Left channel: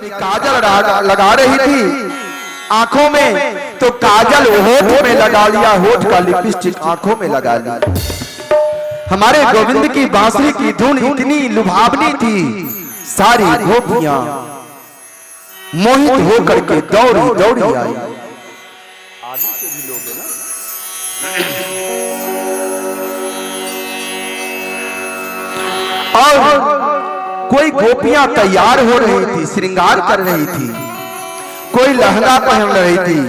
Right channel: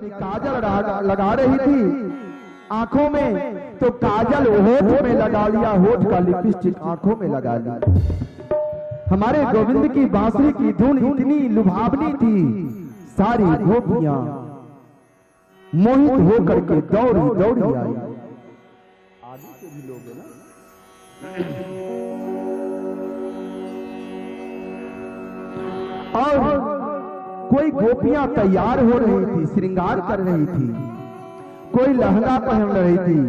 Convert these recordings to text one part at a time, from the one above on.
काजल लगा रही थी आंखों में, तो काजल होठ में लगा लिया, होठ का लिपस्टिक आंखों में लगा लिया। हमारे गोविंद की बांसुरी की धुन इतनी लुभावनी थी, सारी गोपियां मोहित होकर के दौड़ी दौड़ी आई। आगे से भी लोग हैं ना। और कोई गोपियां तैयार हो रही थी, श्रृंगार कर रही थी, कोई लहंगा पहन रही थी।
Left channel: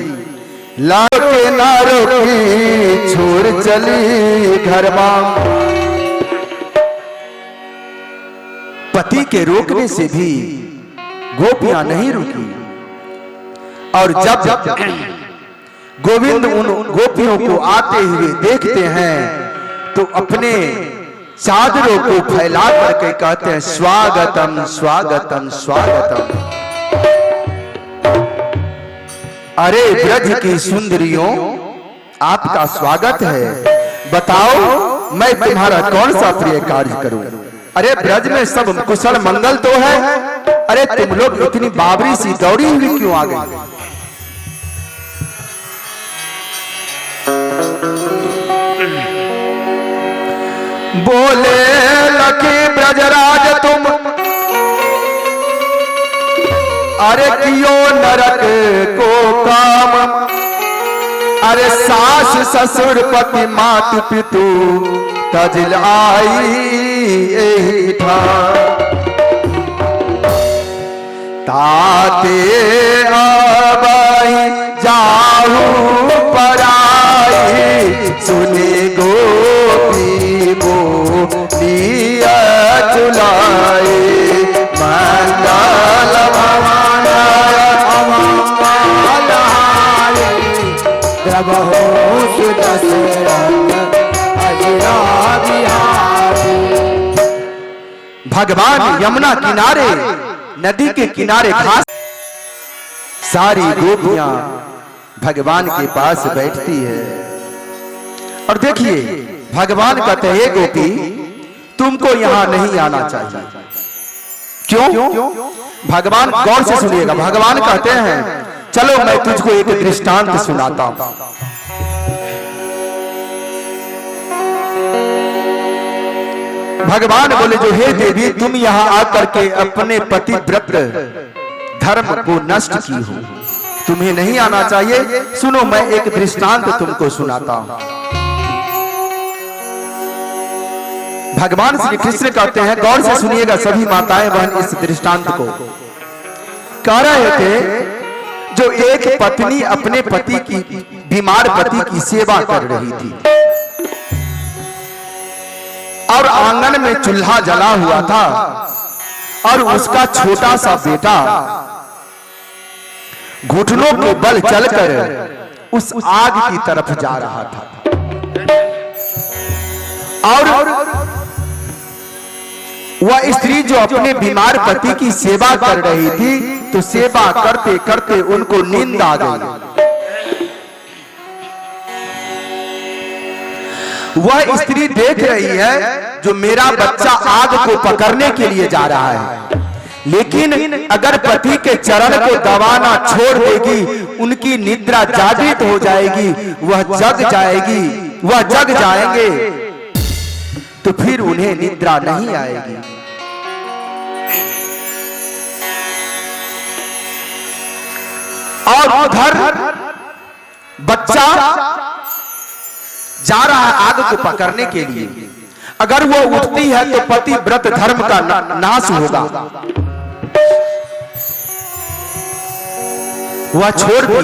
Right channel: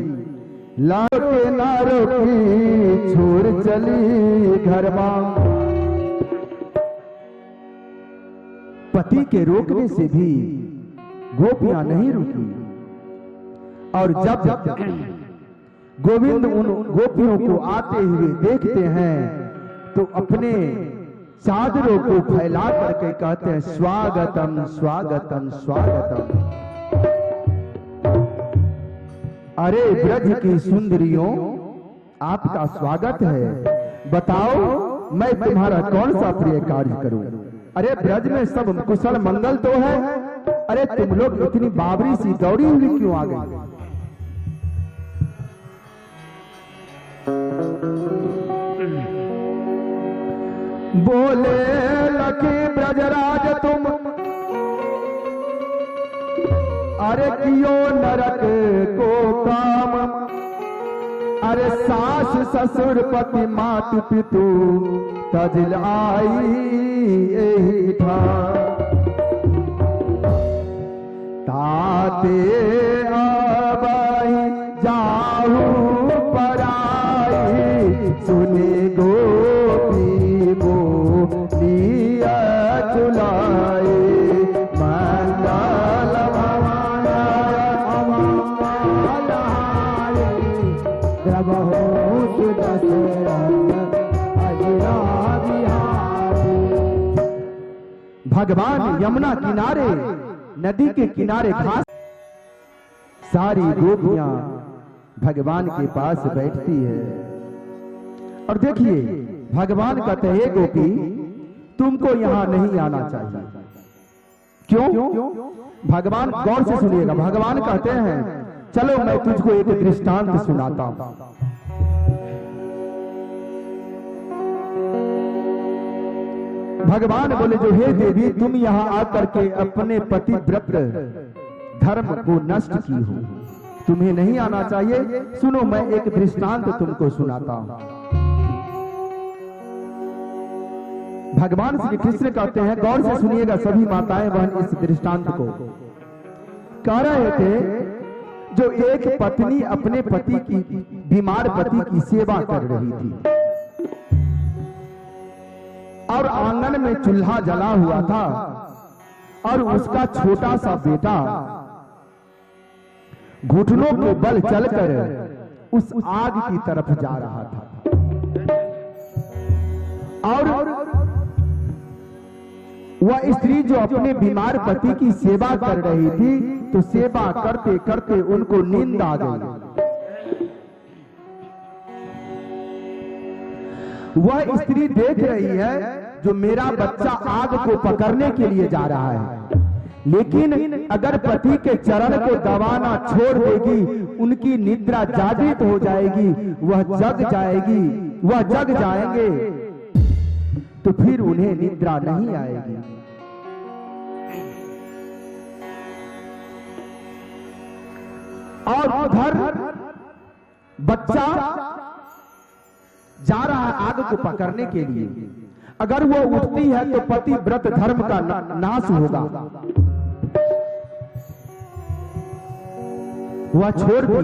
लाके नारों की छोड़ चली घर मां। पति के रोकने से भी गोपियां नहीं रुकी, और जब गोविंद उन गोपियों को आते हुए देखते हैं तो अपने चादरों को फैला करके कहते हैं, स्वागतम स्वागतम स्वागतम। अरे ब्रज की सुंदरियों, आपका स्वागत है, बताओ मैं तुम्हारा कौन सा प्रिय कार्य करूं। अरे ब्रज में सब कुशल मंगल तो है, अरे तुम लोग इतनी बाबरी सी दौड़ी हुई क्यों आ गई। बोले लखी ब्रजराज तुम, अरे कियो नरक को काम। अरे सास ससुर पति मात पितु तजिल आई एही ठाम। ताते आबाई जाहू पराई, सुने गोपी बोलिया चुलाए। मंगल भवन अमंगल हारे, द्रवहु सुदशरथ अजरा बिहारी। भगवान यमुना किनारे, नदी के किनारे घास, सारी गोपियां भगवान के पास बैठती है। और देखिए भगवान कहते हैं, गोपी तुमको यहां नहीं आना चाहिए। क्यों? भगवान गौर से सुनिएगा। भगवान कहते हैं, चलो मैं तुझको एक दृष्टांत सुनाता हूं। भगवान बोले, जो हे देवी तुम यहां आकर के अपने पतिव्रत धर्म को नष्ट की हो, तुम्हें नहीं आना चाहिए। सुनो मैं एक दृष्टांत तुमको सुनाता हूं। भगवान श्री कृष्ण कहते हैं, गौर से सुनिएगा सभी माताएं बहन इस दृष्टांत को। कह रहे थे, जो एक पत्नी अपने पति की, बीमार पति की सेवा कर रही थी, और आंगन में चूल्हा जला हुआ था, और उसका छोटा सा बेटा घुटनों के बल चलकर उस आग की तरफ जा रहा था। और वह स्त्री जो अपने बीमार पति की सेवा कर रही थी, तो सेवा करते करते उनको नींद आ गई। वह स्त्री देख रही है जो मेरा बच्चा आग को पकड़ने के लिए जा रहा है, लेकिन अगर पति के चरण को दबाना छोड़ देगी, उनकी निद्रा जागृत हो जाएगी, वह जग जाएगी, वह जग जाएंगे, तो फिर उन्हें निद्रा नहीं आएगी। और उधर बच्चा जा रहा है आग को पकड़ने के लिए। अगर वो उठती है तो पति व्रत धर्म का नाश होगा। वह छोड़ दी,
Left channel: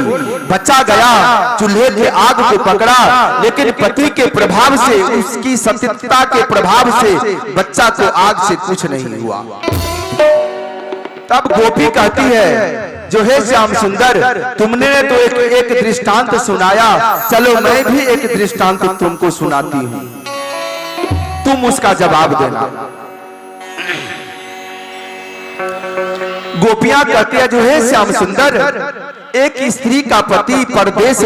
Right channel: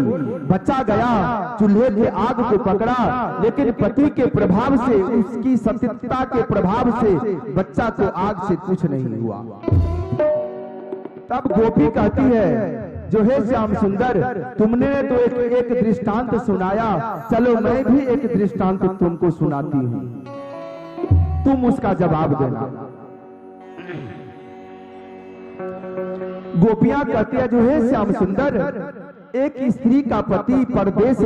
बच्चा गया, चूल्हे के आग को पकड़ा, लेकिन पति के प्रभाव से, उसकी सतीता के प्रभाव से बच्चा को आग से कुछ नहीं हुआ। तब गोपी कहती है, जो है श्याम सुंदर, तुमने तो एक दृष्टांत सुनाया, चलो मैं भी एक दृष्टांत तुमको सुनाती हूं, तुम उसका जवाब देना। गोपियां कहती है, जो है श्याम सुंदर, एक स्त्री का पति परदेश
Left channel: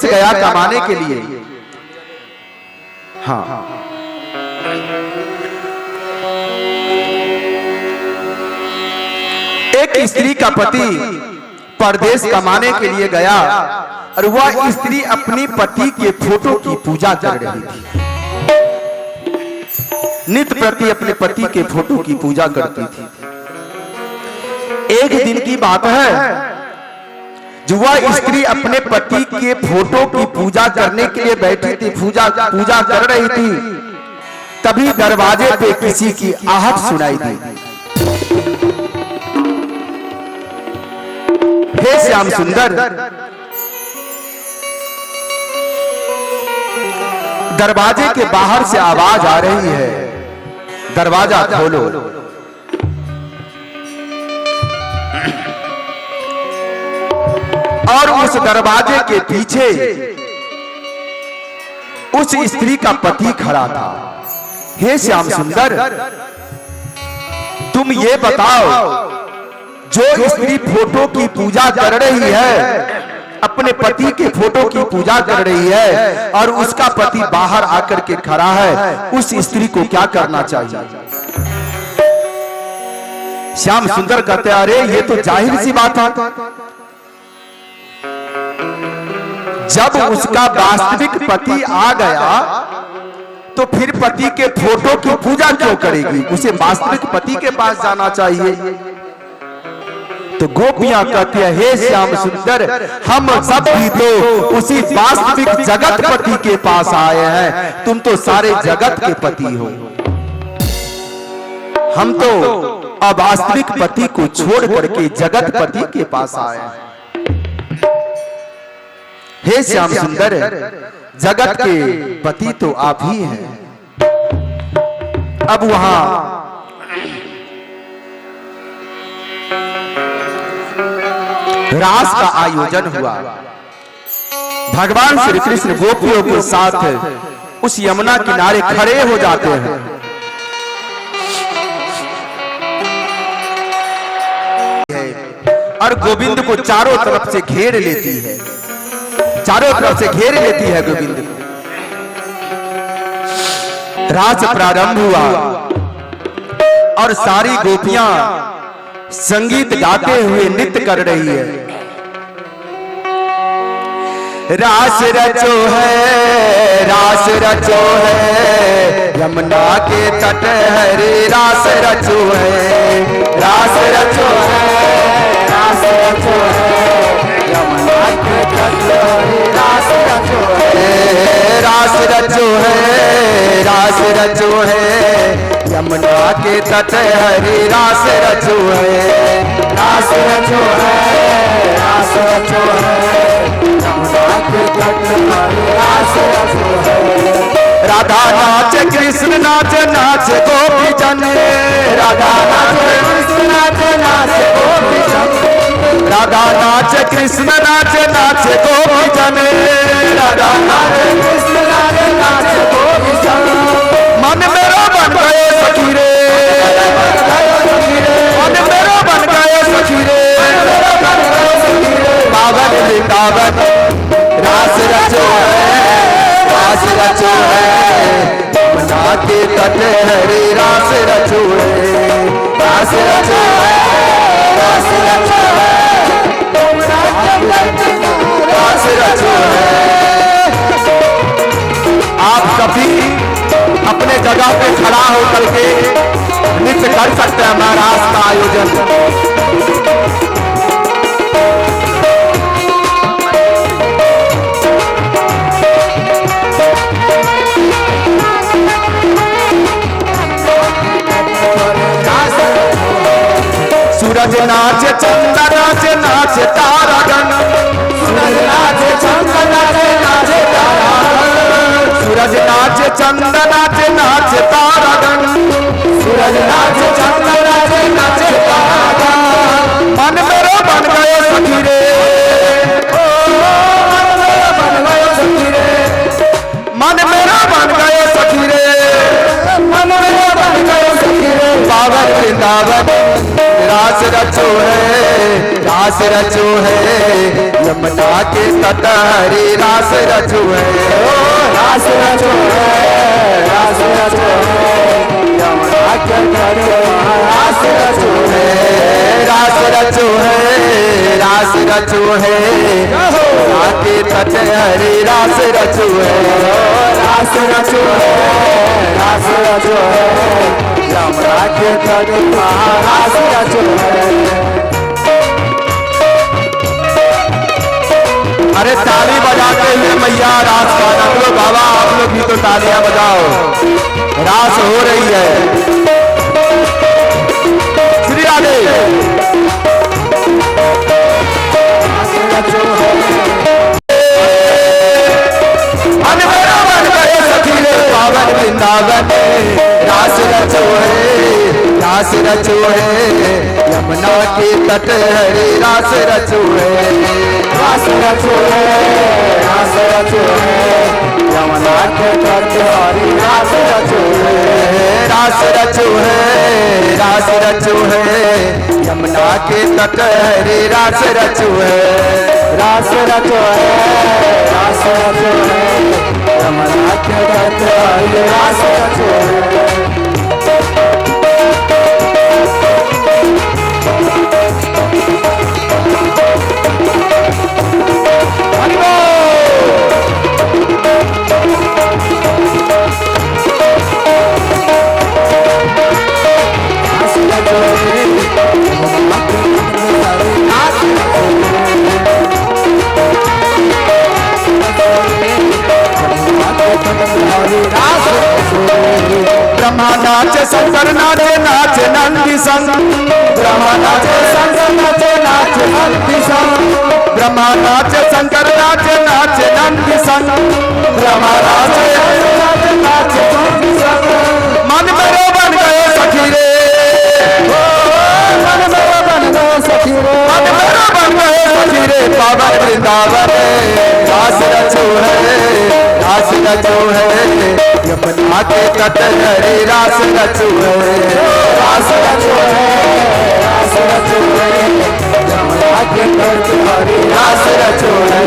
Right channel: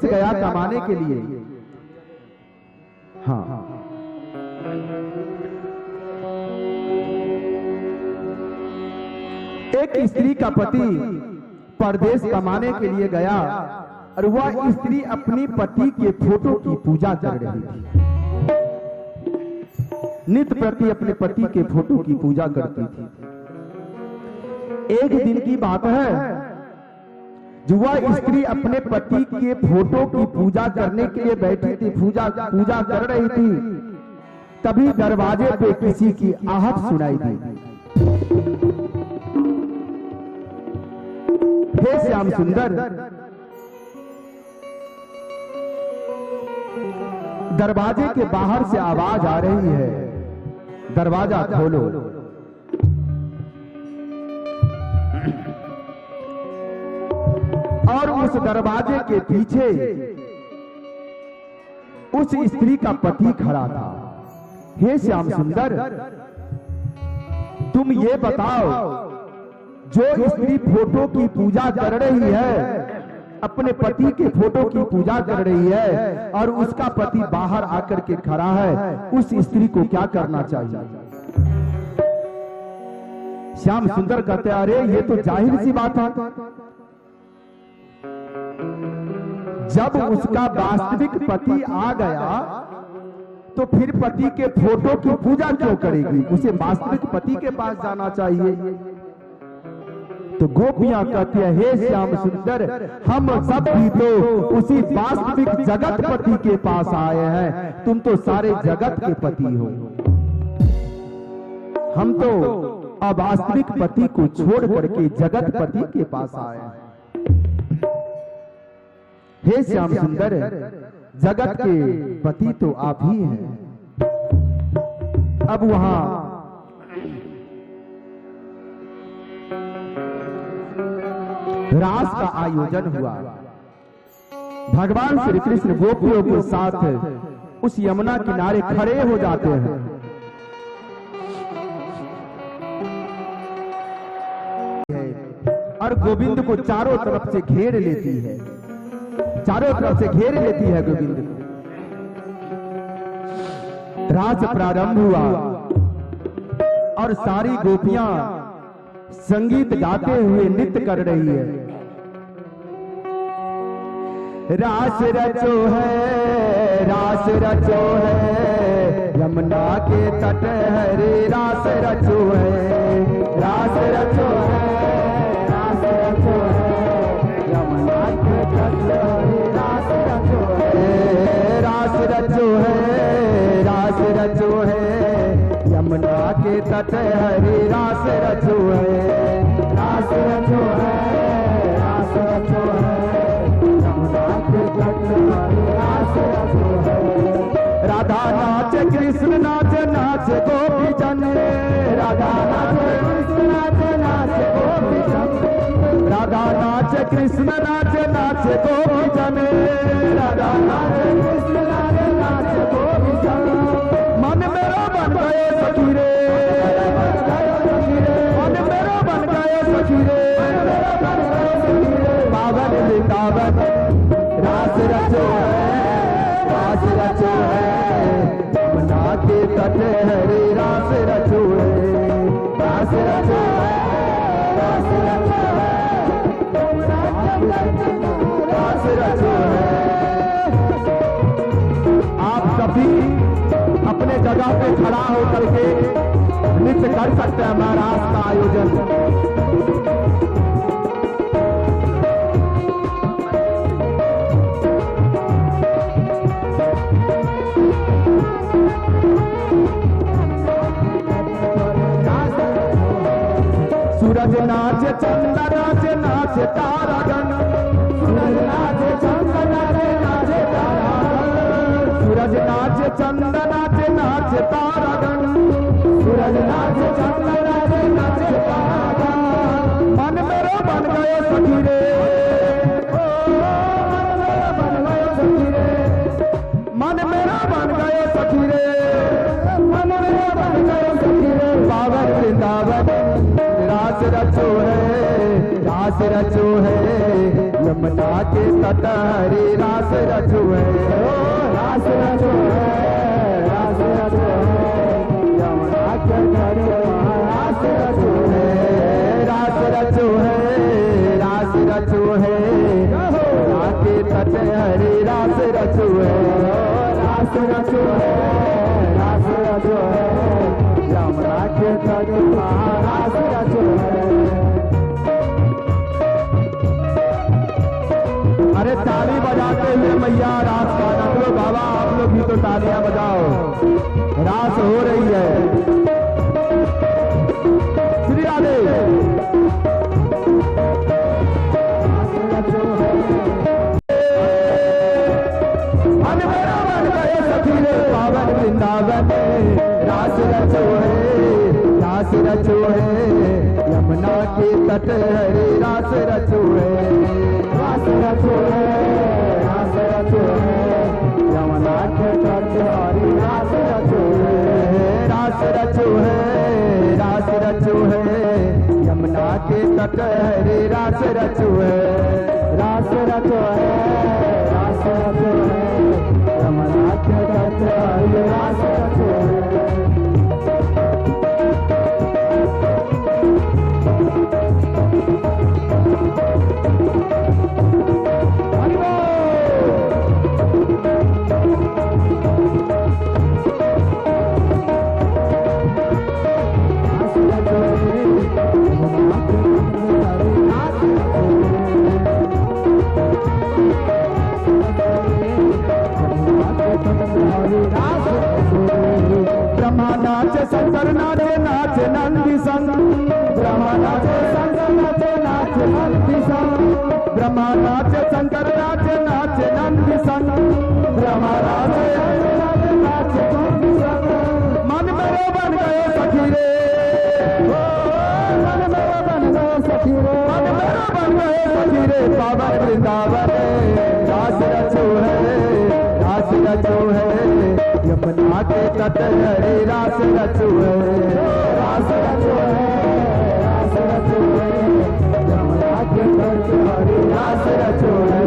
गया कमाने के लिए। हाँ, एक एक स्त्री का पति परदेश कमाने के लिए गया और वह स्त्री अपनी पति के फोटो की पूजा कर रही थी। नित्य प्रति अपने पति के फोटो की पूजा करती थी। एक दिन की बात है, जो वह स्त्री अपने पति के फोटो की पूजा करने के लिए बैठी थी, पूजा कर रही थी, तभी दरवाजे पे किसी की आहट सुनाई दी। हे श्याम सुंदर, दरवाजे के बाहर से आवाज आ रही है, दरवाजा खोलो। और उस दरवाजे के पीछे उस स्त्री का पति खड़ा था। हे श्याम सुंदर, तुम ये बताओ, जो स्त्री फोटो की पूजा कर रही है, अपने पति के फोटो की पूजा कर रही है और उसका पति बाहर आकर के खड़ा है, उस स्त्री को क्या करना चाहिए? श्याम सुंदर कहते, अरे ये तो जाहिर सी बात है, जब उसका वास्तविक पति आ गया तो फिर पति के फोटो की पूजा क्यों करेगी? उसे वास्तविक पति के पास जाना चाहिए। तो गोपियां कहती है, हे श्याम सुंदर, हम सब भी तो उसी वास्तविक जगत पति के पास आए हैं, तुम तो सारे जगत के पति हो, हम तो अवास्तविक पति को छोड़ करके जगत पति के पास आए हैं। हे श्याम सुंदर, जगत के पति तो आप ही हैं। अब वहां रास का आयोजन हुआ। भगवान श्री कृष्ण गोपियों के साथ उस यमुना किनारे खड़े हो जाते हैं। और गोविंद को चारों तरफ से घेर लेती है, चारों तरफ से घेर लेती है गोविंद को। रास प्रारंभ हुआ और सारी गोपियां संगीत गाते हुए नृत्य कर रही है। रास रचो है, रास रचो है, यमुना के तट हरे रास रचो है, रास रचो है, रास रचो है, यमुना के तट हरे रास रचो है, रास रचो है, रास रचो है, यमुना के तट हरे रास रचो है, रास रचो है, रास रचो है, यमुना के तट हरे रास रचो है। राधा नाच कृष्ण नाच, नाच गोपी जन, राधा नाच कृष्ण नाच, नाच गोपी जन, राधा नाच कृष्ण नाच, नाच गोपी जन, राधा नाच कृष्ण नाच, नाच गोपी जन। मन मेरा बन गए सखी रे, मन मेरा बन गए सखी रे, पावन वृंदावन रास रचो है, रास रचो है, यमुना के तट हरे रास रचो है, रास रचो है, रास रचो है, यमुना के तट रास रचो है। आप कभी अपने जगह पे खड़ा होकर के नृत्य कर सकते हैं। हमारा रास का आयोजन सूरज नाच चंदा नाच, नाच तारागण, सूरज नाच चंदा नाच, नाच तारागण, सूरज नाच चंदा नाच, नाच तारागण, सूरज नाच चंदा नाच, नाच तारागण। मन मेरा बन गए सखी रे, मन मेरा बन गए सखी रे, मन मेरा बन गए सखी रे, मन मेरा बन गए सखी रे, पावन वृंदावन रास रचो है, रास रचो है, यमुना के तट हरे रास रचो है, रास रचो है, रास रचो है, यमुना के तट रास रचो है, रास रचो रचो है, यमुना के तट हरे रास रचो है, रास रचो है, रास रचो है, यमुना के तट रास रचो है। अरे ताली बजाते हुए मैया रास गाना लो बाबा, आप लोग भी तो तालियां बजाओ, रास हो रही है। श्री राधे। मन मेरा मन करे सखी रे पावन वृंदावन, रास रचो है, रास रचो है, यमुना के तट हरे रास रचो है, रास रचो है, रास रचो है, यमुना के तट हरे रास रचो है, रास रचो है, रास रचो है, यमुना के तट हरे रास रचो है, रास रचो है, रास रचो है, यमुना के तट हरे रास रचो है। ब्रह्मा नाचे शंकर नाचे, नाचे नंदी संग, ब्रह्मा नाचे शंकर नाचे, नाचे नंदी संग, ब्रह्मा नाचे शंकर नाचे, नाचे नंदी संग, ब्रह्मा नाचे नाचे नंदी संग। मन मेरा बन गए सखी रे, मन मेरा बन गए सखी रे, मन मेरा बन गए सखी रे, पावन वृंदावन रास रचो है, रास रचो है, यमुना के तट हरे रास रचो है, रास रचो है, रास रचो है, यमुना के तट हरे रास रचो है।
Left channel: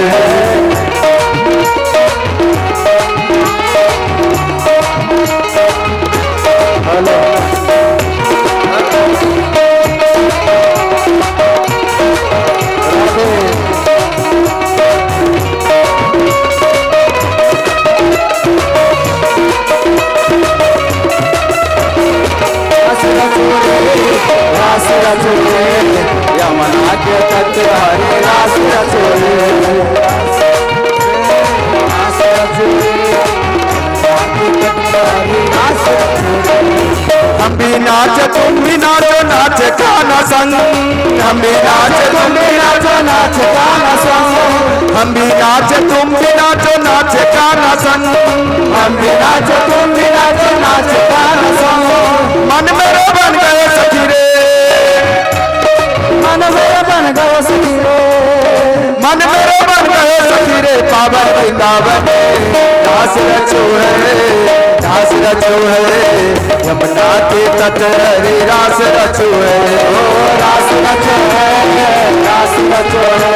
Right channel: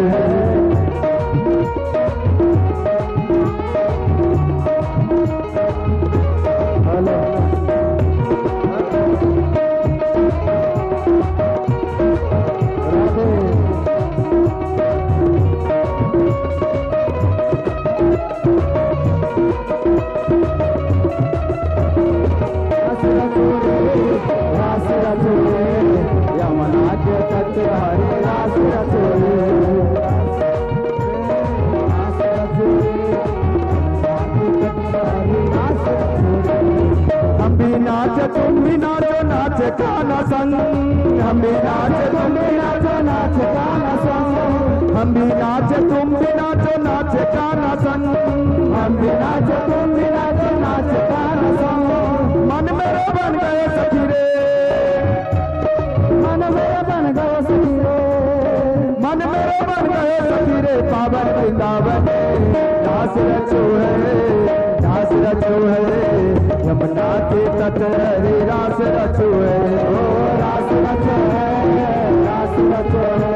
रास रचो है, यमुना के तट हरे रास रचो है, रास रचो है, रास रचो है। हम भी नाच तुम भी नाचो, नाच गाना संग, हम भी नाच तुम भी नाचो, नाच गाना संग, हम भी नाच तुम भी नाचो, नाच गाना संग, हम भी नाच तुम भी नाचो, नाच गाना संग। मन मेरा बन गए सखी रे, मन मेरा बन गए सखी रे, मन मेरा बन गए सखी रे, पावन वृंदावन रास रचो है, रास रचो है, यमुना के तट हरे रास रचो है, रास रचो है, रास रचो है,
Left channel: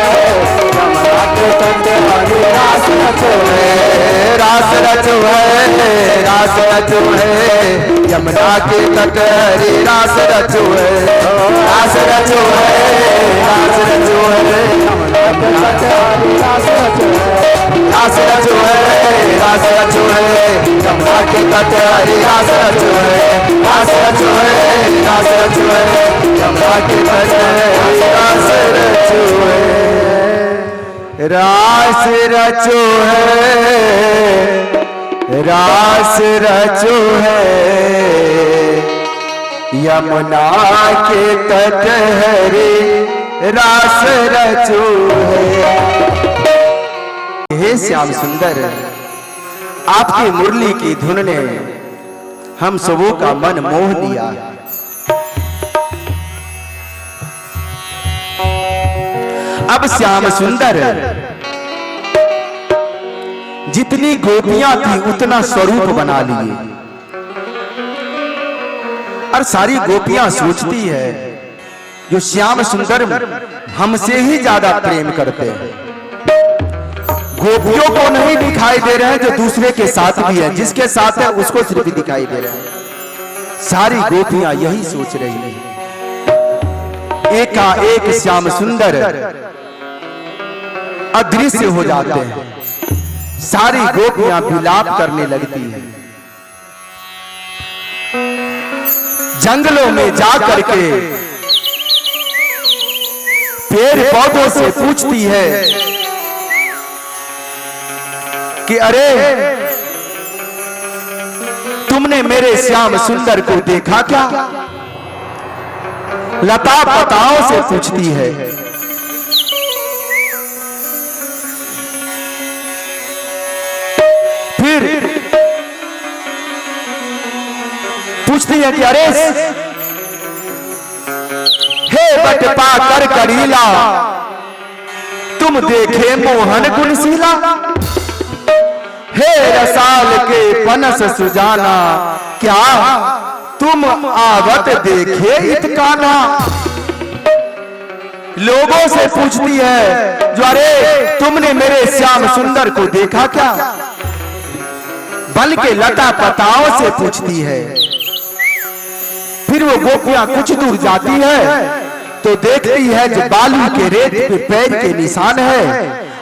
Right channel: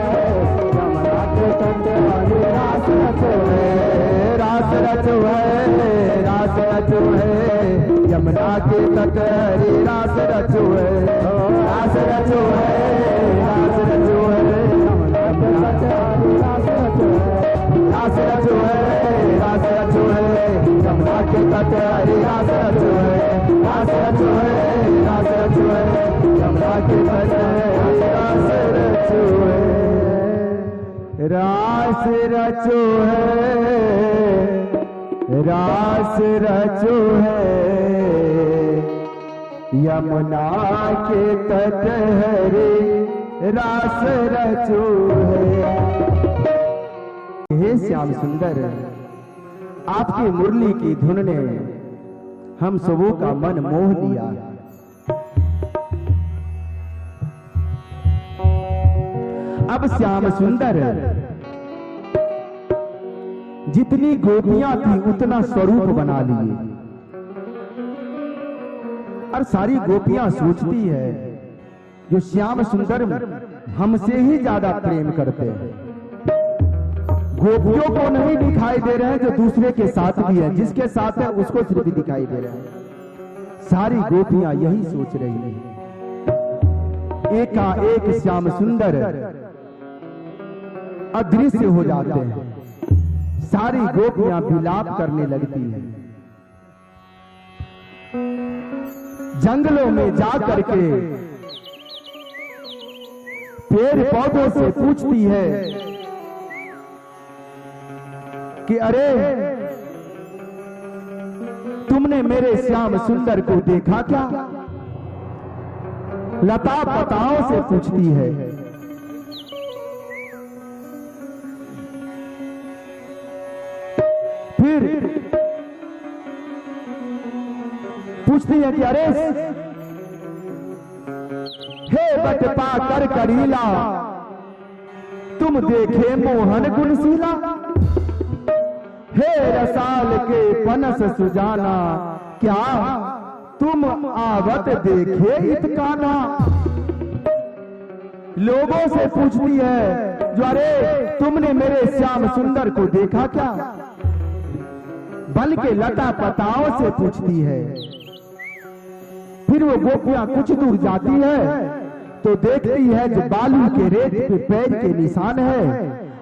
यमुना के तट हरे रास रचो है, रास रचो है, रास रचो है, यमुना के तट हरे रास रचो है, रास रचो है, रास रचो है, यमुना के तट हरे रास रचो है, रास रचो है, रास रचो है, यमुना के तट हरे रास रचो है, रास रचो है, रास रचो है, यमुना के तट हरे रास रचो है, रास रचो है, रास रचो है, यमुना के तट हरे रास रचो है। हे श्याम सुंदर, आपकी मुरली की धुन ने हम सबों का मन मोह लिया। अब श्याम सुंदर जितनी गोपियां थी उतना स्वरूप बना लिए, और सारी गोपियां सोचती है जो श्याम सुंदर हमसे ही ज्यादा प्रेम करते हैं। गोपियों को नहीं दिखाई दे रहे हैं जो दूसरे के साथ भी है, जिसके साथ है उसको सिर्फ दिखाई दे रहे हैं। सारी गोपियां यही सोच रही हैं। एकाएक श्याम सुंदर अदृश्य हो जाते हैं। सारी गोपियां विलाप करने लगती हैं। जंगलों में जा करके पेड़ पौधों से पूछती है कि अरे तुमने मेरे श्याम सुंदर को देखा क्या? लता पताओं से पूछती है। फिर पूछती है कि अरे हे बटपा कर करीला, तुम देखे मोहन गुणशीला। हे रसाल के पनस सुजाना, क्या तुम आवत देखे इतकाना। लोगों से पूछती है जो अरे तुमने मेरे श्याम सुंदर को देखा क्या? बल्कि लता पताओं से पूछती है। फिर वो गोपियां कुछ दूर जाती है तो देखती है जो बालू के रेत पे पैर के निशान है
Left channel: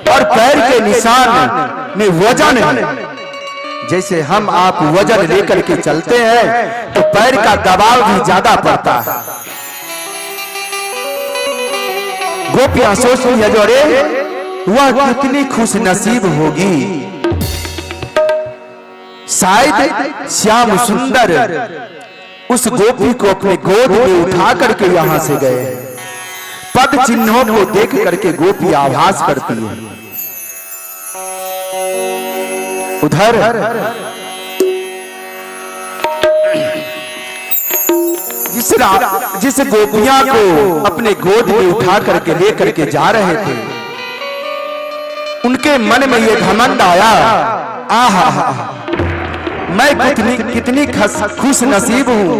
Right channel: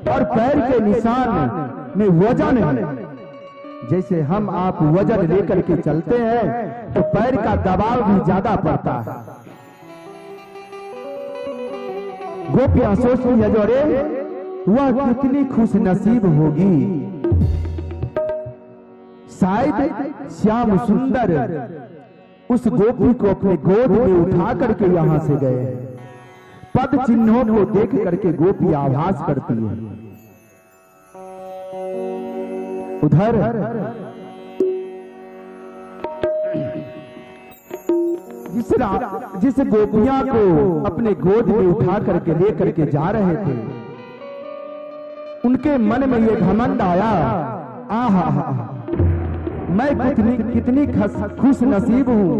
और पैर के निशान में वजन है। जैसे हम आप वजन लेकर के चलते हैं तो पैर का दबाव भी ज्यादा पड़ता है। गोपियां सोचती है जो अरे वह कितनी खुश नसीब होगी, शायद श्याम सुंदर उस गोपी को अपने गोद में उठा करके यहां से गए। पद चिन्हों को देख करके गोपी आभास करती है। उधर जिस गोपियां को अपने गोद में उठा करके ले करके जा रहे थे, उनके मन में ये घमंड आया, आहा मैं कितनी खुश नसीब हूं,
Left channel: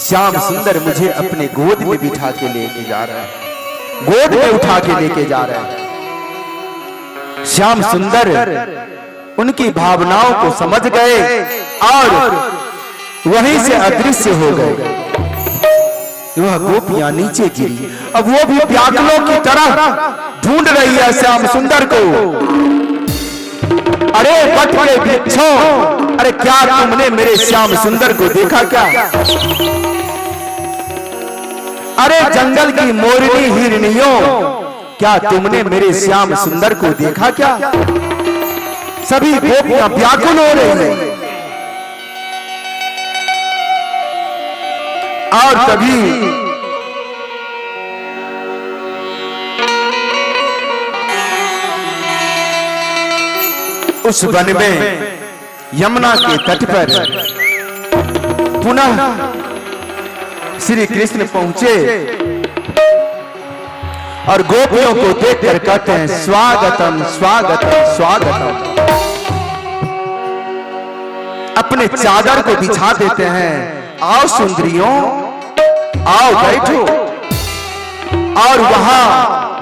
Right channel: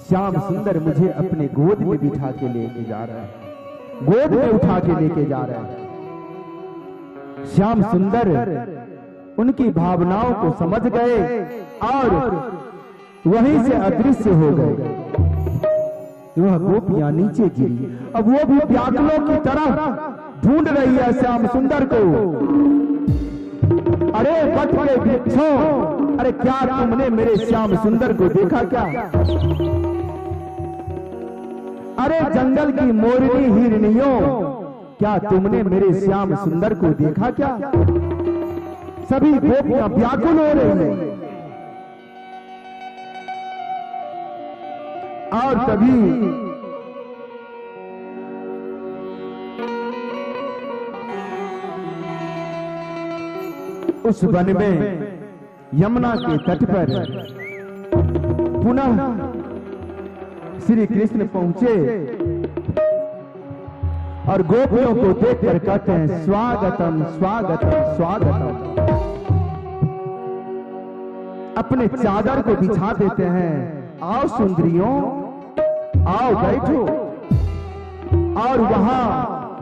श्याम सुंदर मुझे अपने गोद में बिठा के लेके जा रहा है, गोद में उठा के लेके जा रहा है। श्याम सुंदर उनकी भावनाओं को समझ गए और वहीं से अदृश्य हो गए। वह गोपियां नीचे गिरी। अब वो भी व्याकुलों की तरह ढूंढ रही है श्याम सुंदर को। अरे बट के वृक्षों, अरे क्या तुमने मेरे श्याम सुंदर को देखा क्या? अरे जंगल की मोरनी हिरनियों, क्या तुमने मेरे श्याम सुंदर को देखा क्या? सभी गोपियां व्याकुल हो रही हैं। और तभी उस वन में यमुना के तट पर पुनः श्री कृष्ण पहुंचे और गोपियों को देखकर कहते हैं स्वागतम स्वागतम स्वागतम। अपने चादर को बिछा देते हैं, आओ सुंदरियों आओ बैठो। और वहां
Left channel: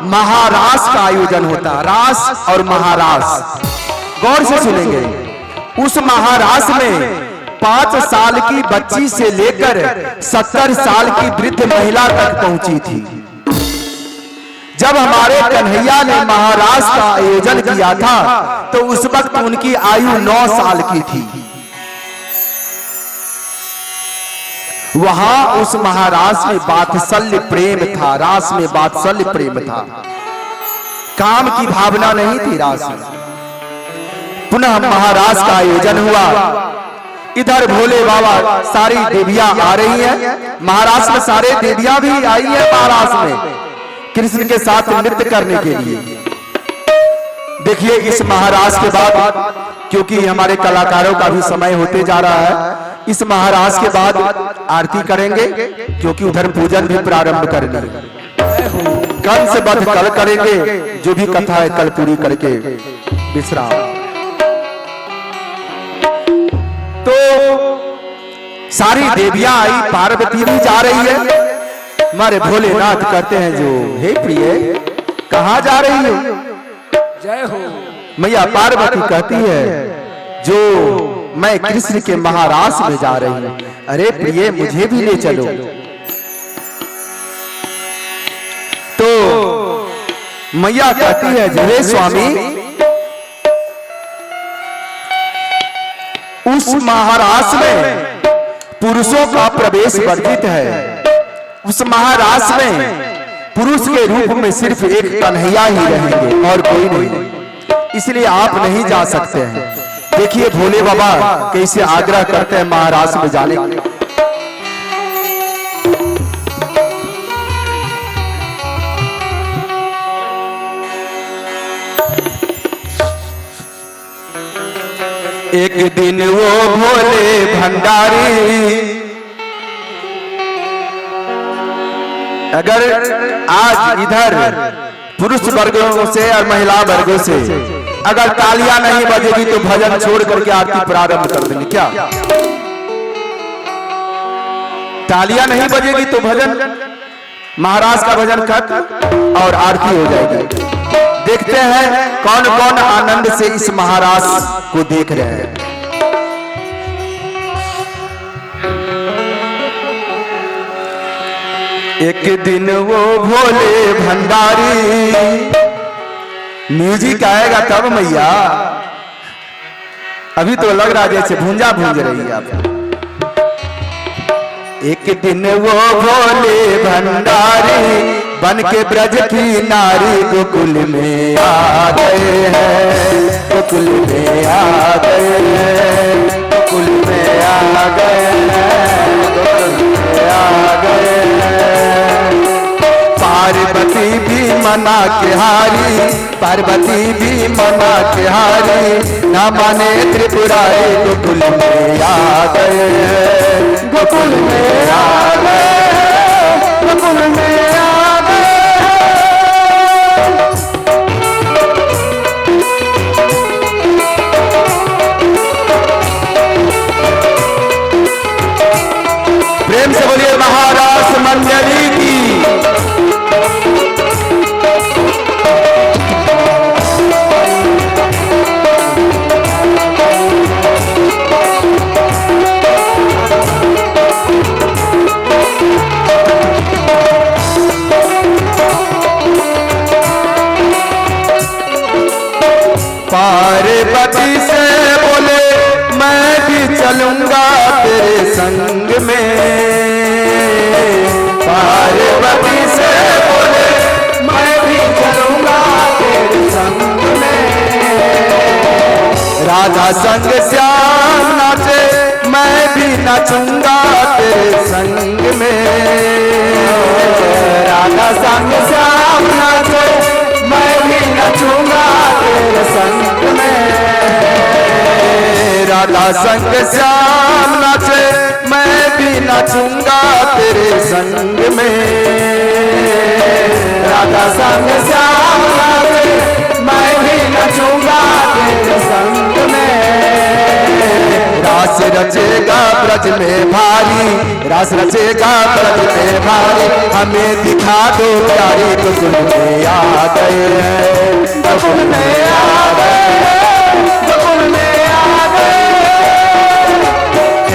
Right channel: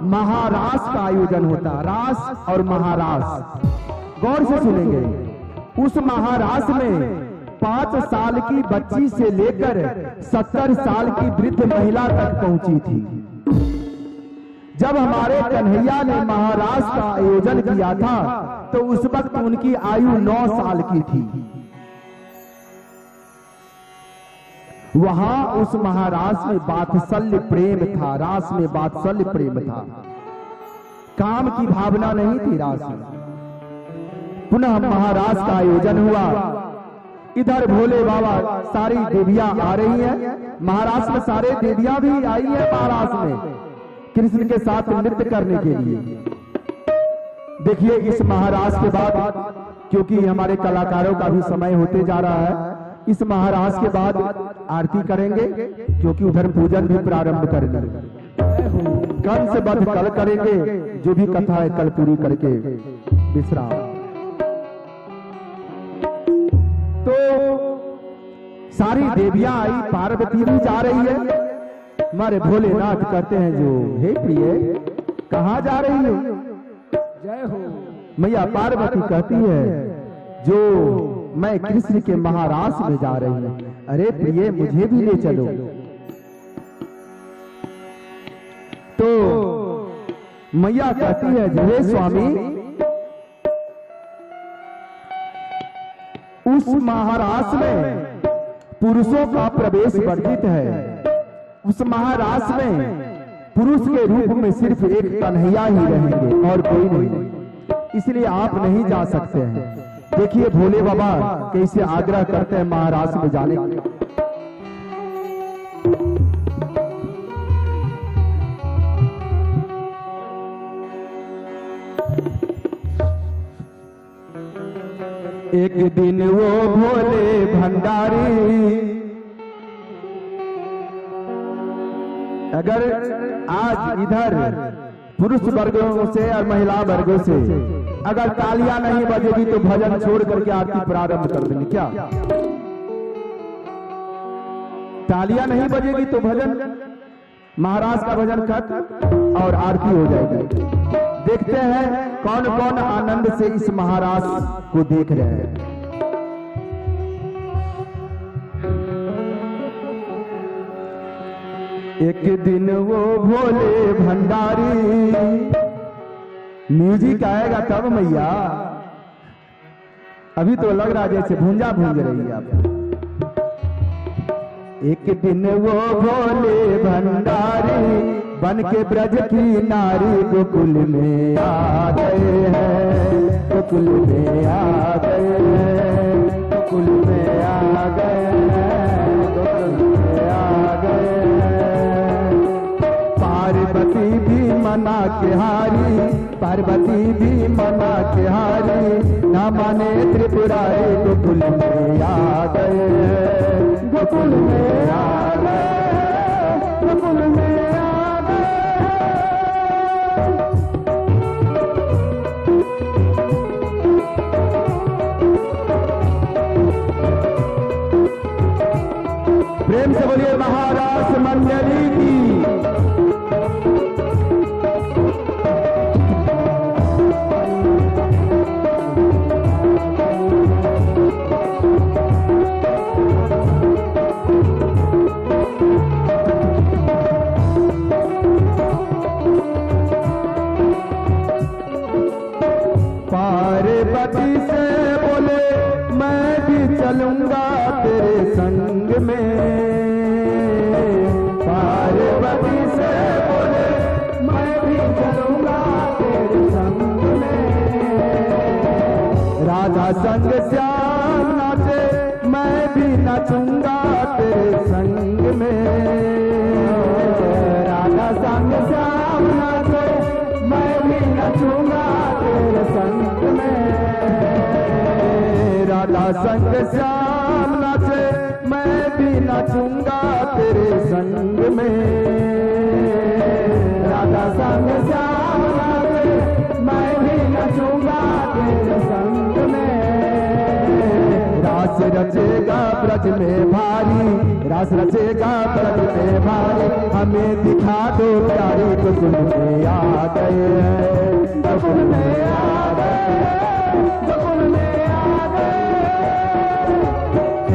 महारास का आयोजन होता, रास और महारास। गौर से सुनेंगे, उस महारास में 5 साल की बच्ची से लेकर 70 साल की वृद्ध महिला तक पहुंची थी। जब हमारे कन्हैया ने महारास का आयोजन किया था तो उस वक्त उनकी आयु 9 साल की थी। वहां उस महारास में वात्सल्य प्रेम था, रास में वात्सल्य प्रेम था, काम की भावना नहीं थी रास में। पुनः महारास का आयोजन हुआ। इधर भोले बाबा सारी देवियां आ रही हैं, महारास में सारे देवियां भी आई हैं महारास में कृष्ण के साथ नृत्य करने के लिए। देखिए इस महारास के बाद, क्योंकि हमारे कलाकारों का भी समय होते जा रहा है, इस महारास के बाद आरती करेंगे, क्योंकि उधर पूजन भी प्रारंभ करनी है। कल से बध कल करेंगे, जो भी कथा है कल पूरी करके विश्राम। तो सारी देवियां आई, पार्वती भी जा रही है। हमारे भोलेनाथ कहते हैं जो हे प्रिय कहां जा रही हो? जय हो। मैया पार्वती कहती है जो मैं कृष्ण के महारास में जा रही हूं। अरे प्रिय मुझे भी ले चलो। तो मैया कहती है हे स्वामी, उस महारास में पुरुषों का प्रवेश वर्जित है। उस महारास में पुरुष के रूप में सिर्फ एक कन्हैया ही रहेंगे और कोई नहीं, इसलिए आप नहीं जा सकते हैं। देखिए भोले बाबा कैसे आग्रह करते हैं महारास में जाने के। एक दिन वो भोले भंडारी, अगर आज इधर पुरुष वर्गों से और महिला वर्गों से अगर तालियां नहीं बजेगी तो भजन छोड़ करके आरती प्रारंभ कर देंगे। क्या तालियां नहीं बजेगी तो भजन, महाराज का भजन खत्म और आरती हो जाएगी। देखते हैं कौन कौन आनंद से इस महाराज को देख रहे हैं। एक दिन वो भोले भंडारी, म्यूजिक आएगा तब मैया, अभी तो लग रहा जैसे भूंजा भूंज रही है आप। एक दिन वो भोले भंडारी बन के ब्रज की नारी गोकुल में आ गए हैं, गोकुल में आ गए हैं, गोकुल में आ गए हैं, गोकुल में आ गए हैं। पार्वती भी मना के हारी, पार्वती भी मना के हारी, ना माने त्रिपुरारी गोकुल में आ गए हैं, गोकुल में आ गए, गोकुल में आ गए। प्रेम से बोलिए महाराज मंजरी की। पार्वती से बोले मैं भी चलूंगा तेरे संग में, पार्वती से बोले मैं भी चलूंगा तेरे संग में। राधा संग श्याम नाचे मैं भी नाचूंगा तेरे संग में, राधा संग श्याम नाचे मैं भी नाचूंगा तेरे संग में। राधा संग श्याम नाचे मैं भी नाचूंगा तेरे संग में, राधा संग श्याम नाचे मैं भी नाचूंगा तेरे संग में। रास रचेगा ब्रज में भारी, रास रचेगा ब्रज में भारी, हमें दिखा दो प्यारी गोकुल में आ गए हैं, गोकुल में आ गए, गोकुल में आ गए।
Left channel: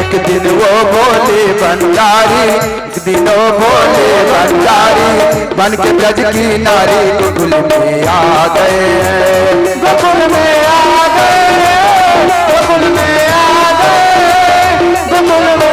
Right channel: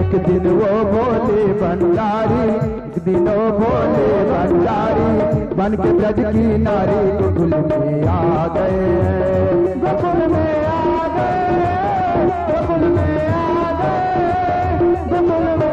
एक दिन वो भोले भंडारी, एक दिन वो भोले भंडारी बन के ब्रज की नारी गोकुल में आ गए हैं, गोकुल में आ गए, गोकुल में आ गए, गोकुल में।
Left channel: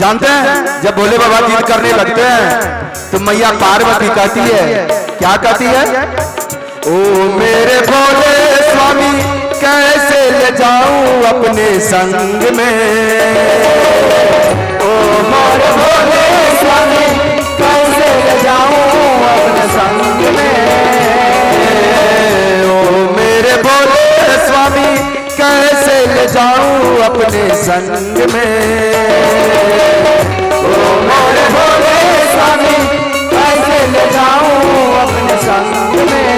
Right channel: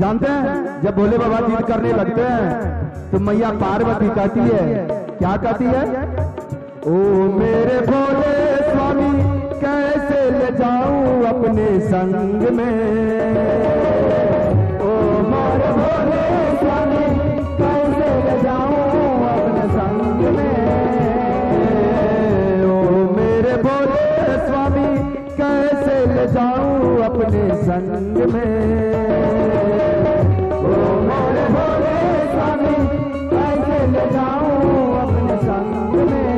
जानते हैं जब भोले बाबा जिद करने लगते हैं तो मैया पार्वती कहती है, क्या कहती है? ओ मेरे भोले स्वामी कैसे ले जाऊं अपने संग में, ओ मेरे भोले स्वामी कैसे ले जाऊं अपने संग में, ओ मेरे भोले स्वामी कैसे ले जाऊं अपने संग में। ओ मेरे भोले स्वामी कैसे ले जाऊं अपने संग में।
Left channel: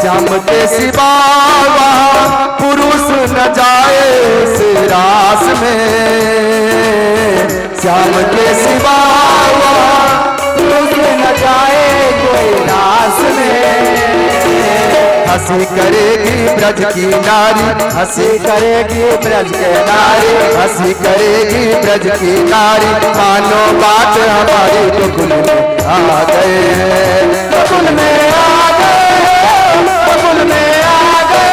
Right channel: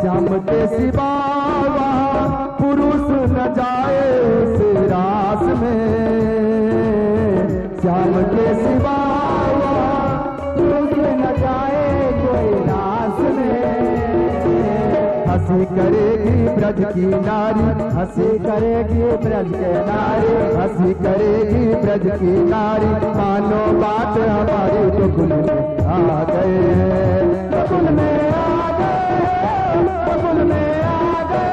श्याम के सिवा पुरुष न जाए इस रास में। श्याम के सिवा पुरुष न जाए कोई रास में। हंसी करेगी ब्रज की नारी, हंसी करेगी ब्रज के नारी, हंसी करेगी ब्रज की नारी। मानो बात हमारी गोकुल में आ गए हैं, गोकुल में आ गए, गोकुल में आ गए,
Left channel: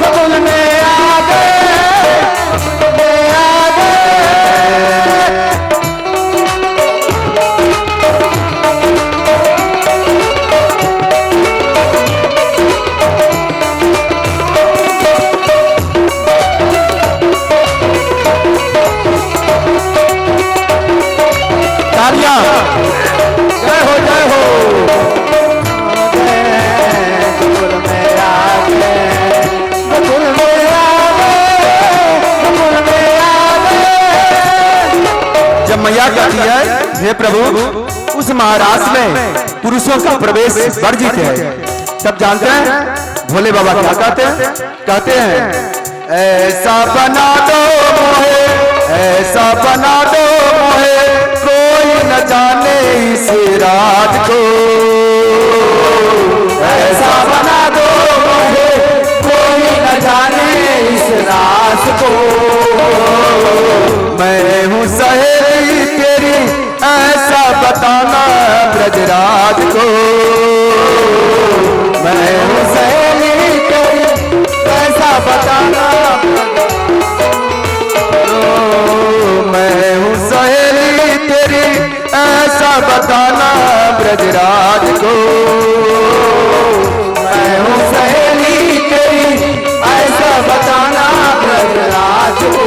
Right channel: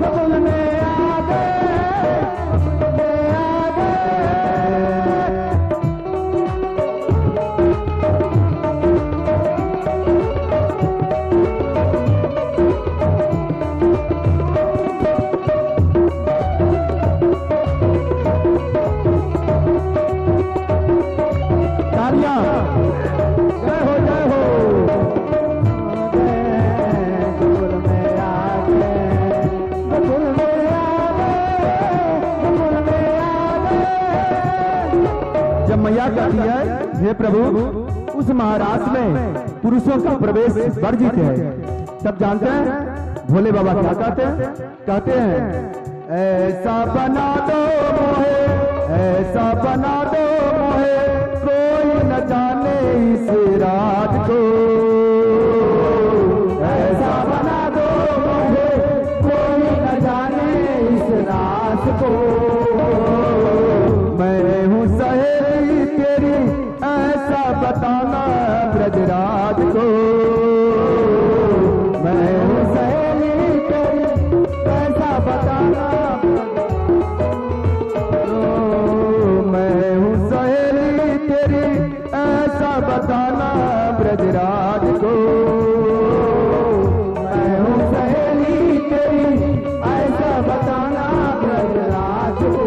गोकुल में आ गए, गोकुल में आ गए। जय हो जय हो। गोकुल में आ गए, गोकुल में आ गए, गोकुल में आ गए। जब मैया कहती है हे प्रभु उस महाराज में पुरुषों का प्रवेश वर्जित है, तब जानते हैं भोले बाबा क्या कहते हैं? कहते हैं ऐसा बना दो मोहे, ऐसा बना दो मोहे, कोई न जाने इस राज को। ऐसा बना दो मोहे, कोई न जाने इस राज को। मैं हूँ सहेली तेरी ऐसा बताना ब्रजराज को। मैं हूँ सहेली तेरी ऐसा बताना, मैं हूँ सहेली तेरी ऐसा बताना ब्रजराज को। मैं हूँ सहेली तेरी ऐसा बताना ब्रजराज को।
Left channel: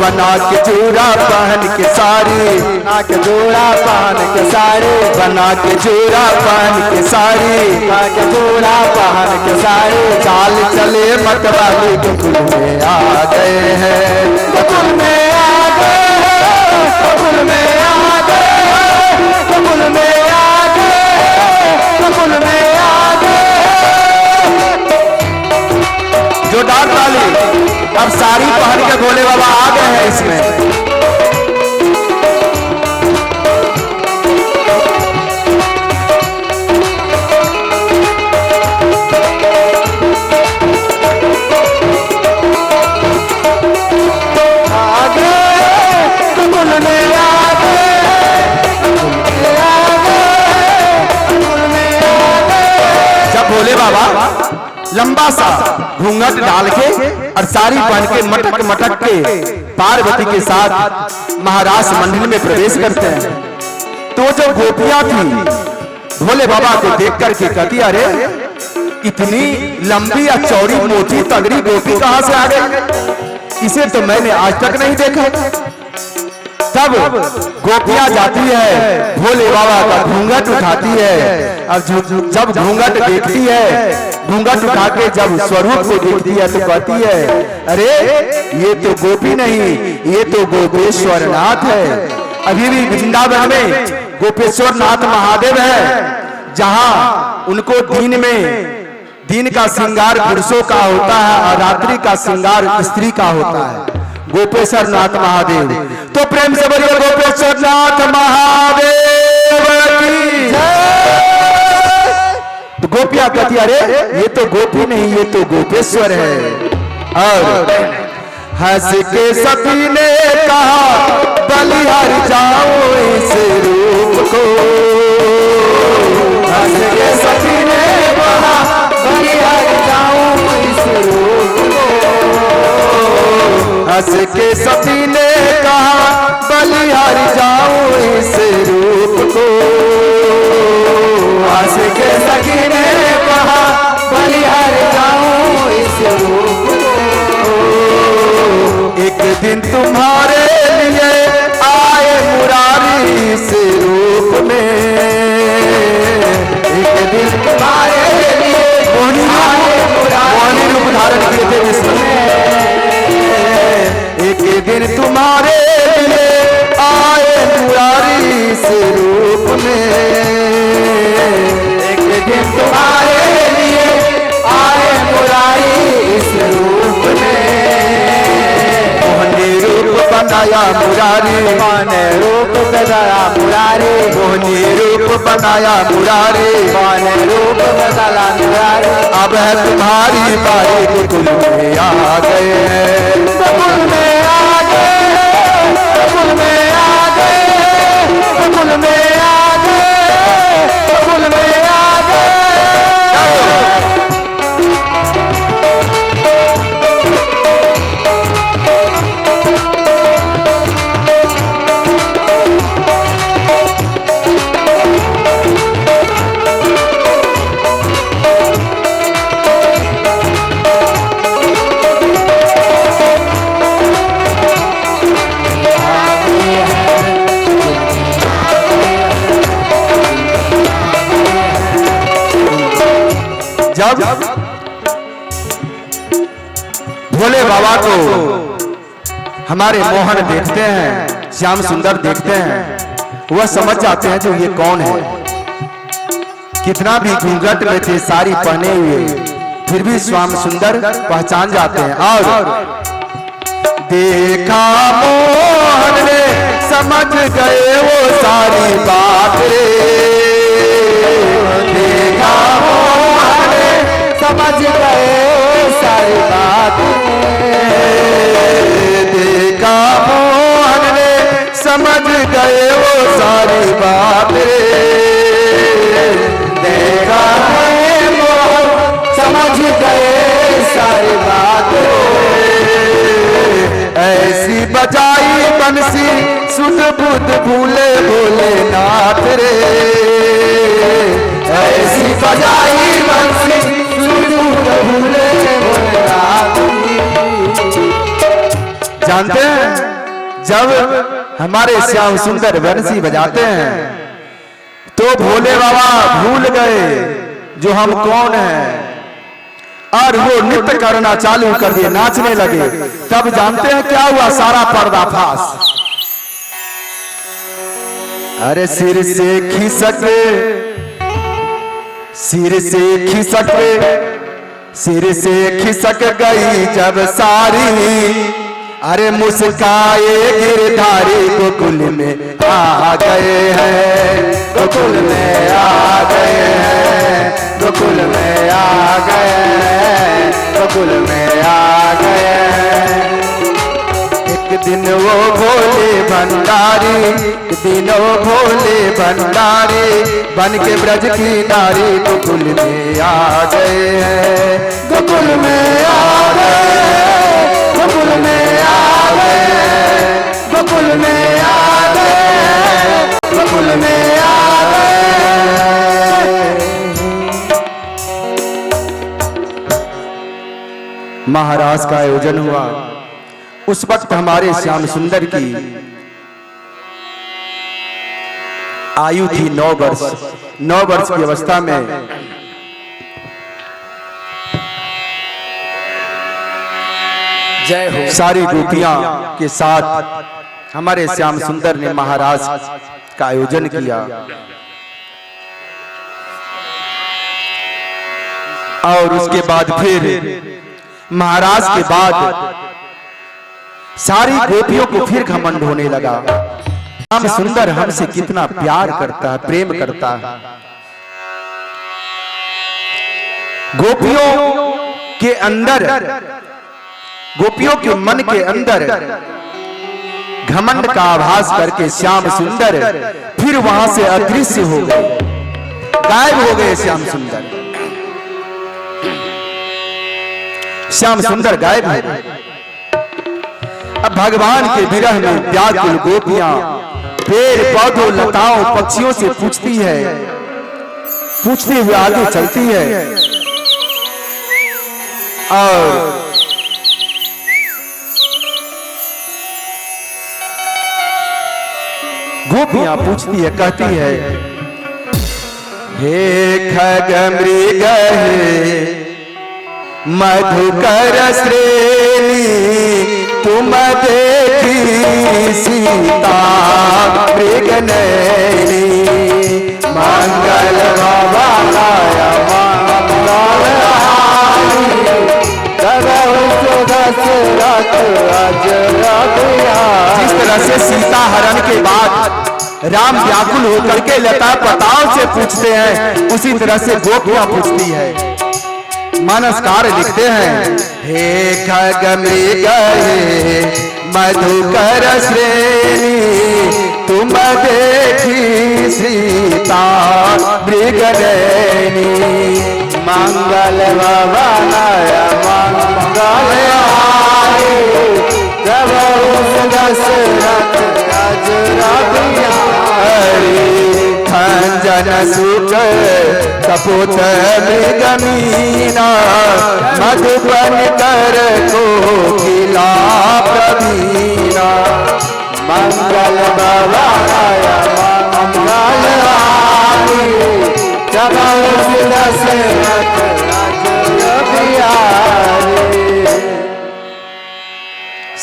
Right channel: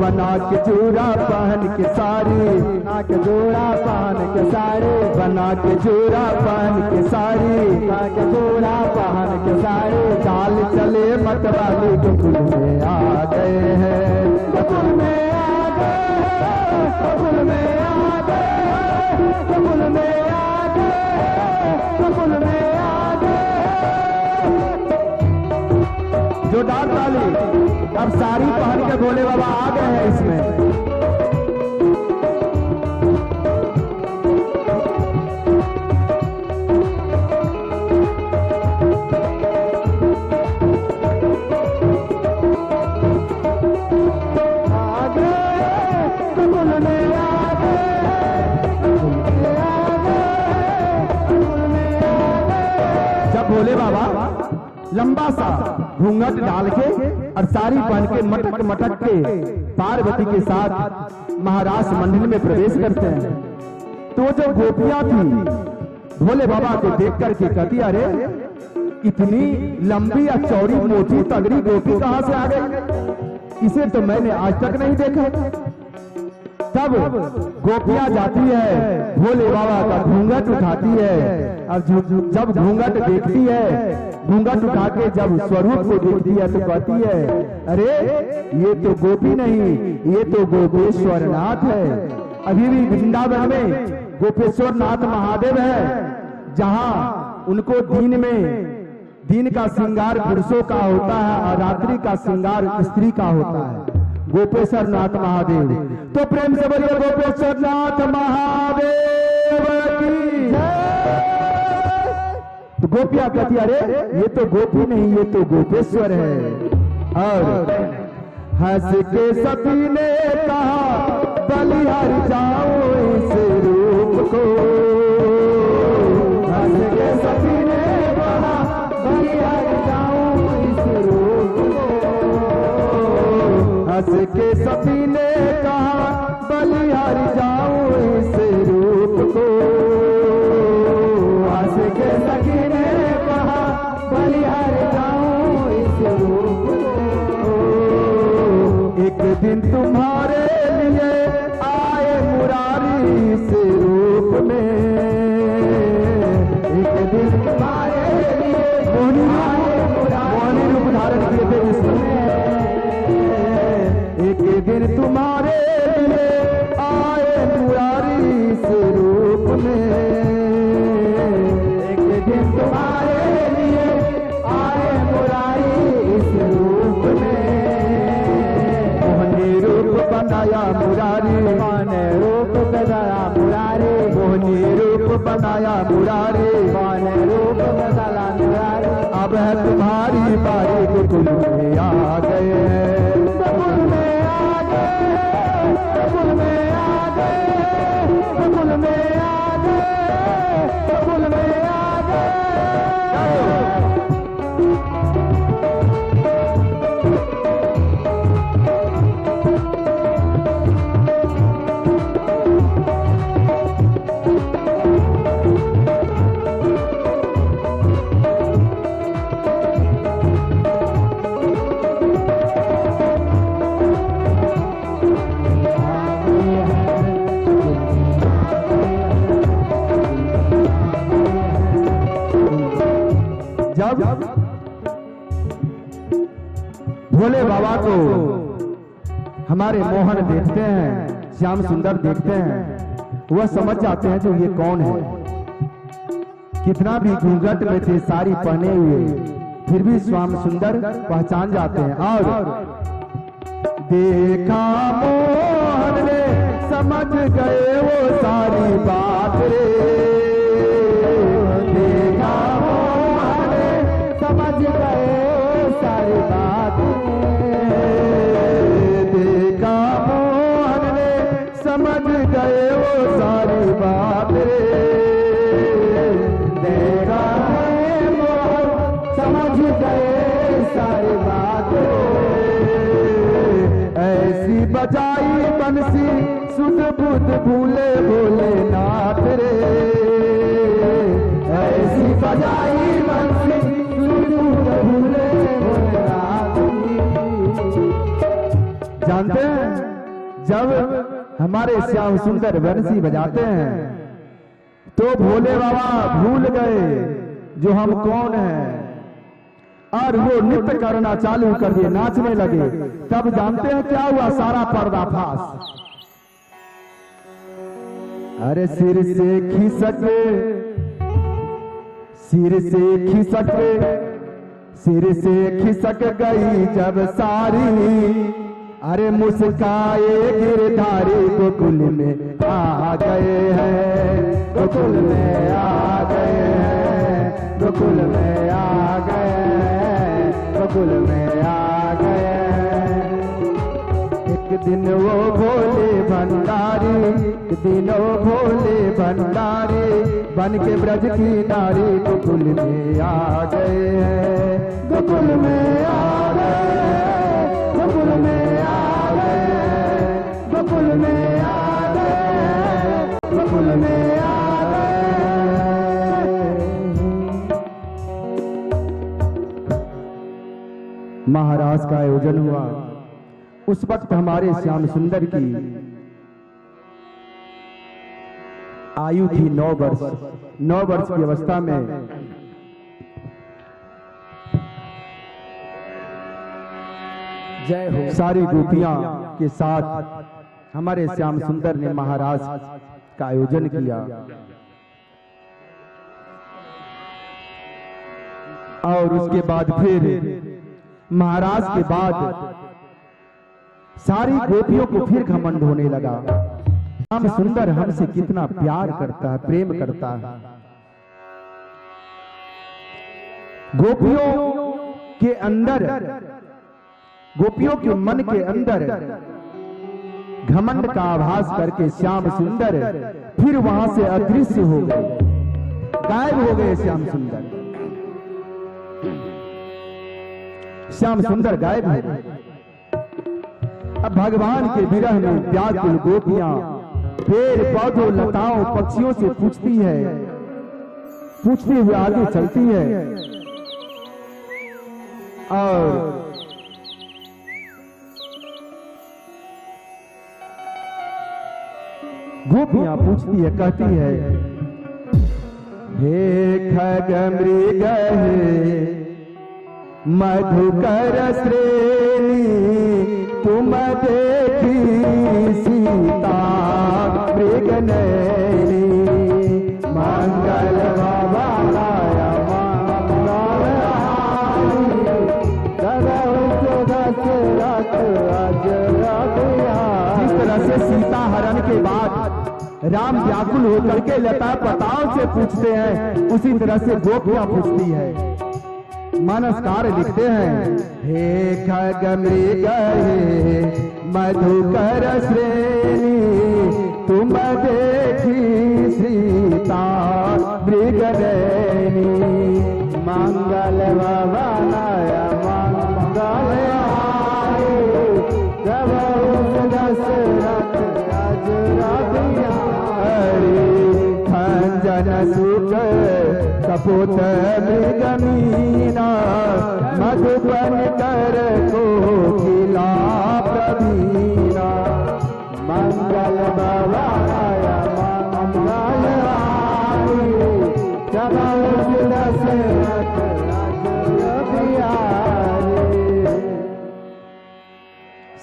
बना के चूड़ा पहन के साड़ी, बना के चूड़ा पहन के साड़ी, बना के चूड़ा पहन के साड़ी, बना के चूड़ा पहन के साड़ी। चाल चले मतवाली गोकुल में आ गए हैं, गोकुल में आ गए, गोकुल में आ गए, गोकुल में आ गए, गोकुल में आ गए। जोरदार ताली। अब साड़ी पहन के भोले बाबा आ गए हैं इसमें। जब भोले बाबा लंबा सा घूंघट डाल के और साड़ी पहन के मटक मटक के पार्वती के साथ महाराज मंदिर में प्रवेश करते हैं, तो जो गोपियां थी भोले बाबा को देख करके कहती अरे इतनी लंबी या चौड़ी मोटी तगड़ी गोपी कहां से आ गई? इसे तो मैंने आज तक नहीं देखा। तब गोपियां जाती है, भोले बाबा का घूंघट उठाती है। अब जब घूंघट देखती है, घूंघट उठा के जब स्वरूप को देखती है तो कहती है अरे ये तो गोपी नहीं, ये तो गोपेश्वर नाथ है। अभी भी वृंदावन में गोपेश्वर नाथ महादेव है, जहां उनको दिन का श्रृंगार पुरुषों का होता है और रात्रि का श्रृंगार स्त्री का होता है। गोपेश्वर नाथ महादेव। तो प्रेम से बोलिए गोपेश्वर नाथ महादेव की जय। तो गोपियां कहती अरे ये तो गोपी नहीं, ये तो गोपेश्वर है। और हंस के सती ने कहा बलिहार जाओ इस रूप को। हंस के सती ने कहा बलिहार जाओ इस रूप को। हंस के सती ने कहा बलिहार जाओ इस रूप को। हंस के सती ने कहा बलिहार जाओ इस रूप को। एक दिन तुम्हारे लिए आए मुरारी इस रूप में। एक दिन तुम्हारे लिए आए मुरारी रूप धारण किए थे जिसमें तुम्हारे लिए आए मुरारी इस रूप में, एक दिन तुम्हारे लिए आए मुरारी इस रूप में। मोहनी रूप बनाया मुरारी, माने रूप बनाया मुरारी, मोहनी रूप बनाया मुरारी, माने रूप बनाया मुरारी। अब है तुम्हारी बारी, गोकुल में आ गए हैं, गोकुल में आ गए, गोकुल में आ गए, गोकुल में आ गए, गोकुल में आ गए। जब भोले बाबा को हमारे मोहन देखते हैं, श्याम सुंदर देखते हैं, वह समझ जाते हैं जो ये कौन है। कितना भी घूंघट में थे साड़ी पहने हुए, फिर भी श्याम सुंदर पहचान जाते हैं। और देखा मोहन ने समझ गए वो सारी बात रे, देखा समझ गए सारी बात, देखा मोहन ने समझ गए वो सारी बात रे, देखा मोहन समझ गए सारी बात रे। ऐसी बजाई बंसी सुध बुध भूले भोले नाथ रे, ऐसी बजाई बंसी जानते हैं जब हमारे श्याम सुंदर बंसी बजाते हैं तो भोले बाबा भूल गए जो हम कौन हैं, और वो नृत्य करना चालू कर दिए, नाचने लगे। तब जानते हैं क्या हुआ, सारा पर्दाफाश। अरे सिर से खिसक, सिर से खिसक, सिर से खिसक गई जब सारी, अरे मुस्काए गिरधारी गोकुल में आ गए हैं, गोकुल में आ गए हैं, गोकुल में आ गए हैं, गोकुल में आ गए हैं। एक दिन वो भोले भंडारी, एक दिन वो भोले भंडारी बन के ब्रज की नारी गोकुल में आ गए हैं, गोकुल में आ गए, गोकुल में आ गए, गोकुल में आ गए, गोकुल में आ गए। महाराज का आयोजन हुआ। उस वक्त हमारे श्याम सुंदर की आयु थी 9 वर्ष। 9 वर्ष की अवस्था में जय हो सारी गोपियां के साथ हमारे श्याम सुंदर ने महाराज का आयोजन किया। और उसके बाद फिर महाराज के बाद सारी गोपियों को फिर घमंड होने लगा, श्याम सुंदर हमसे कितना प्यार करता है, प्रेम करता है। गोपियों के अंदर, गोपियों के मन के अंदर घमंड का आभास करके श्याम सुंदर फिर वहां से अदृश्य हो गए, गायब हो गए। श्याम सुंदर, श्याम सुंदर गायब हो गए। अब भगवान के विरह में व्याकुल गोपियां पेड़ पौधों लताओं पक्षियों से पूछती है, पूछते हुए आगे चलती है। और गोपियां पूछती है, कहती है, हे खग मृग हे मधुकर श्रेणी तुम देखी सीता मृग नैनी मंगल भवानाय जिस तरह से सीता हरण के बाद राम व्याकुल होकर के लता पताओं से पूछते हैं, उसी तरह से गोपियां पूछती है। मानसकार लिखते हैं, हे खग मृग हे मधुकर श्रेणी तुम देखी सीता मृग नैनी मंगल भवानाय मंगल खंजन सुख कपूत मृगमीना मधुबन कर कोकिला प्रवीणा मंगल भवानाय मंगल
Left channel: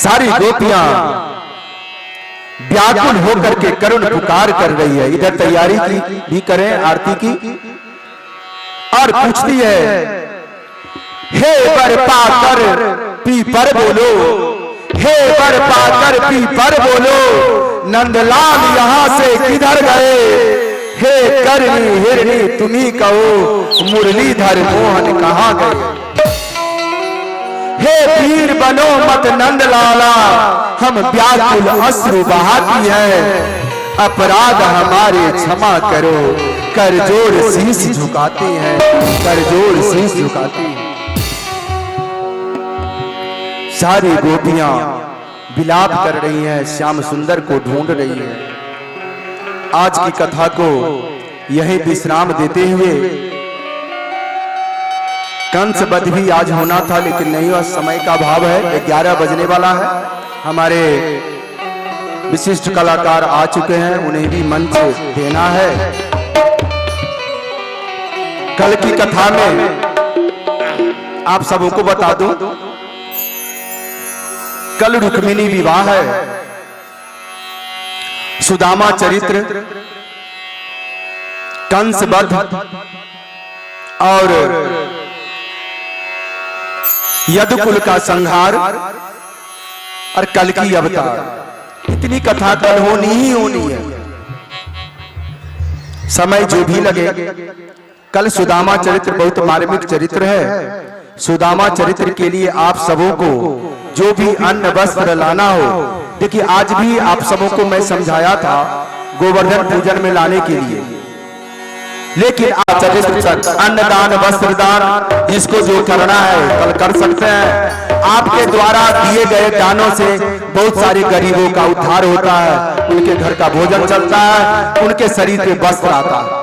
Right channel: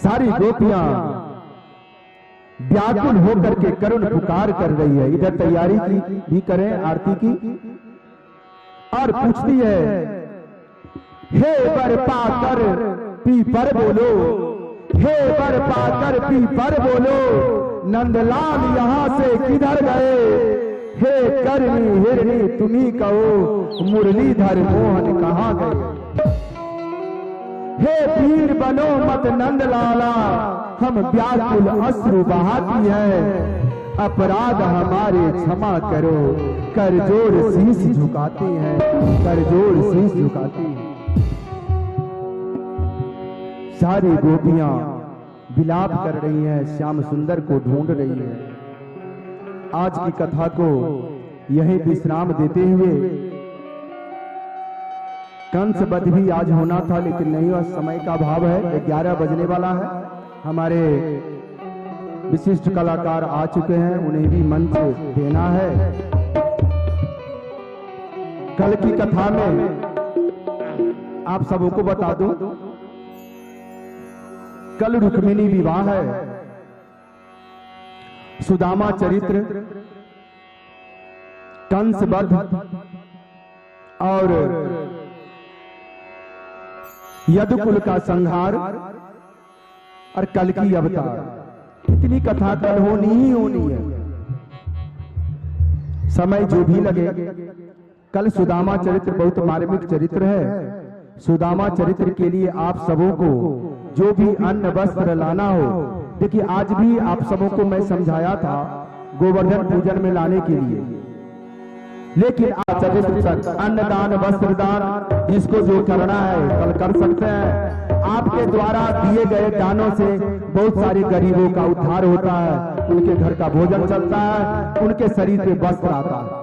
सारी गोपियां व्याकुल होकर के करुण पुकार कर रही है। इधर तैयारी की भी करें आरती की, और पूछती है, हे बर पाकर पीपर बोलो, हे बर पाकर पीपर बोलो नंदलाल यहां से किधर गए, हे करनी हिरनी तुम्ही कहो मुरलीधर मोहन कहां गए। हे वीर बनो मत नंदलाला हम व्याकुल अश्रु बहाती है, अपराध हमारे क्षमा करो कर जोड़ शीश झुकाती हैं, कर जोड़ शीश झुकाती हैं। सारी गोपियां विलाप कर रही हैं, श्याम सुंदर को ढूंढ रही हैं। आज की कथा को यही विश्राम देते हुए, कंस वध भी आज होना था लेकिन नहीं हुआ, समय का अभाव है, 11 बजने वाला है। हमारे विशिष्ट कलाकार आ चुके हैं, उन्हें भी मंच देना है। कल की कथा में आप सबों को बता दूं, कल रुक्मिणी विवाह है, सुदामा चरित्र, कंस वध और यदुकुल का संहार और कल की अवतार। इतनी कथा कल होनी ही होनी है, समय जो भी लगे। कल सुदामा चरित्र बहुत मार्मिक चरित्र है। सुदामा चरित्र के लिए आप सबों को जो भी अन्न वस्त्र लाना हो, देखिए आज भी आप सबों को मैं समझाया था गोवर्धन पूजन में लाने के लिए, लेकिन आप चरित्र अन्नदान वस्त्रदान जिसको जो करना है कल कर सकते हैं। आपके द्वारा दिए गए दानों से बहुत सारे गरीबों का उद्धार होता है, उनके घर का भोजन चलता है, उनके शरीर पे वस्त्र आता है।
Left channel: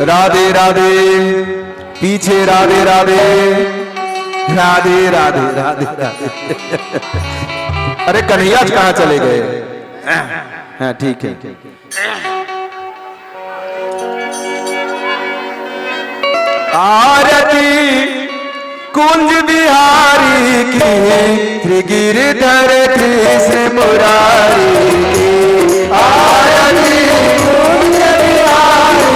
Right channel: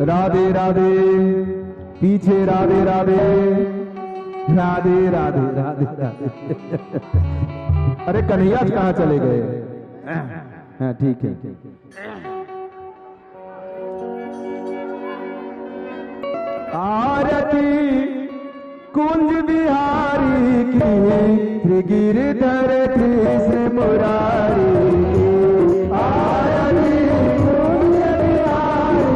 राधे राधे, पीछे राधे राधे, राधे राधे राधे राधे। अरे कन्हैया कहाँ चले गए? हाँ ठीक है। आरती कुंज बिहारी की गिरधर कृष्ण मुरारी की, आरती कुंज बिहारी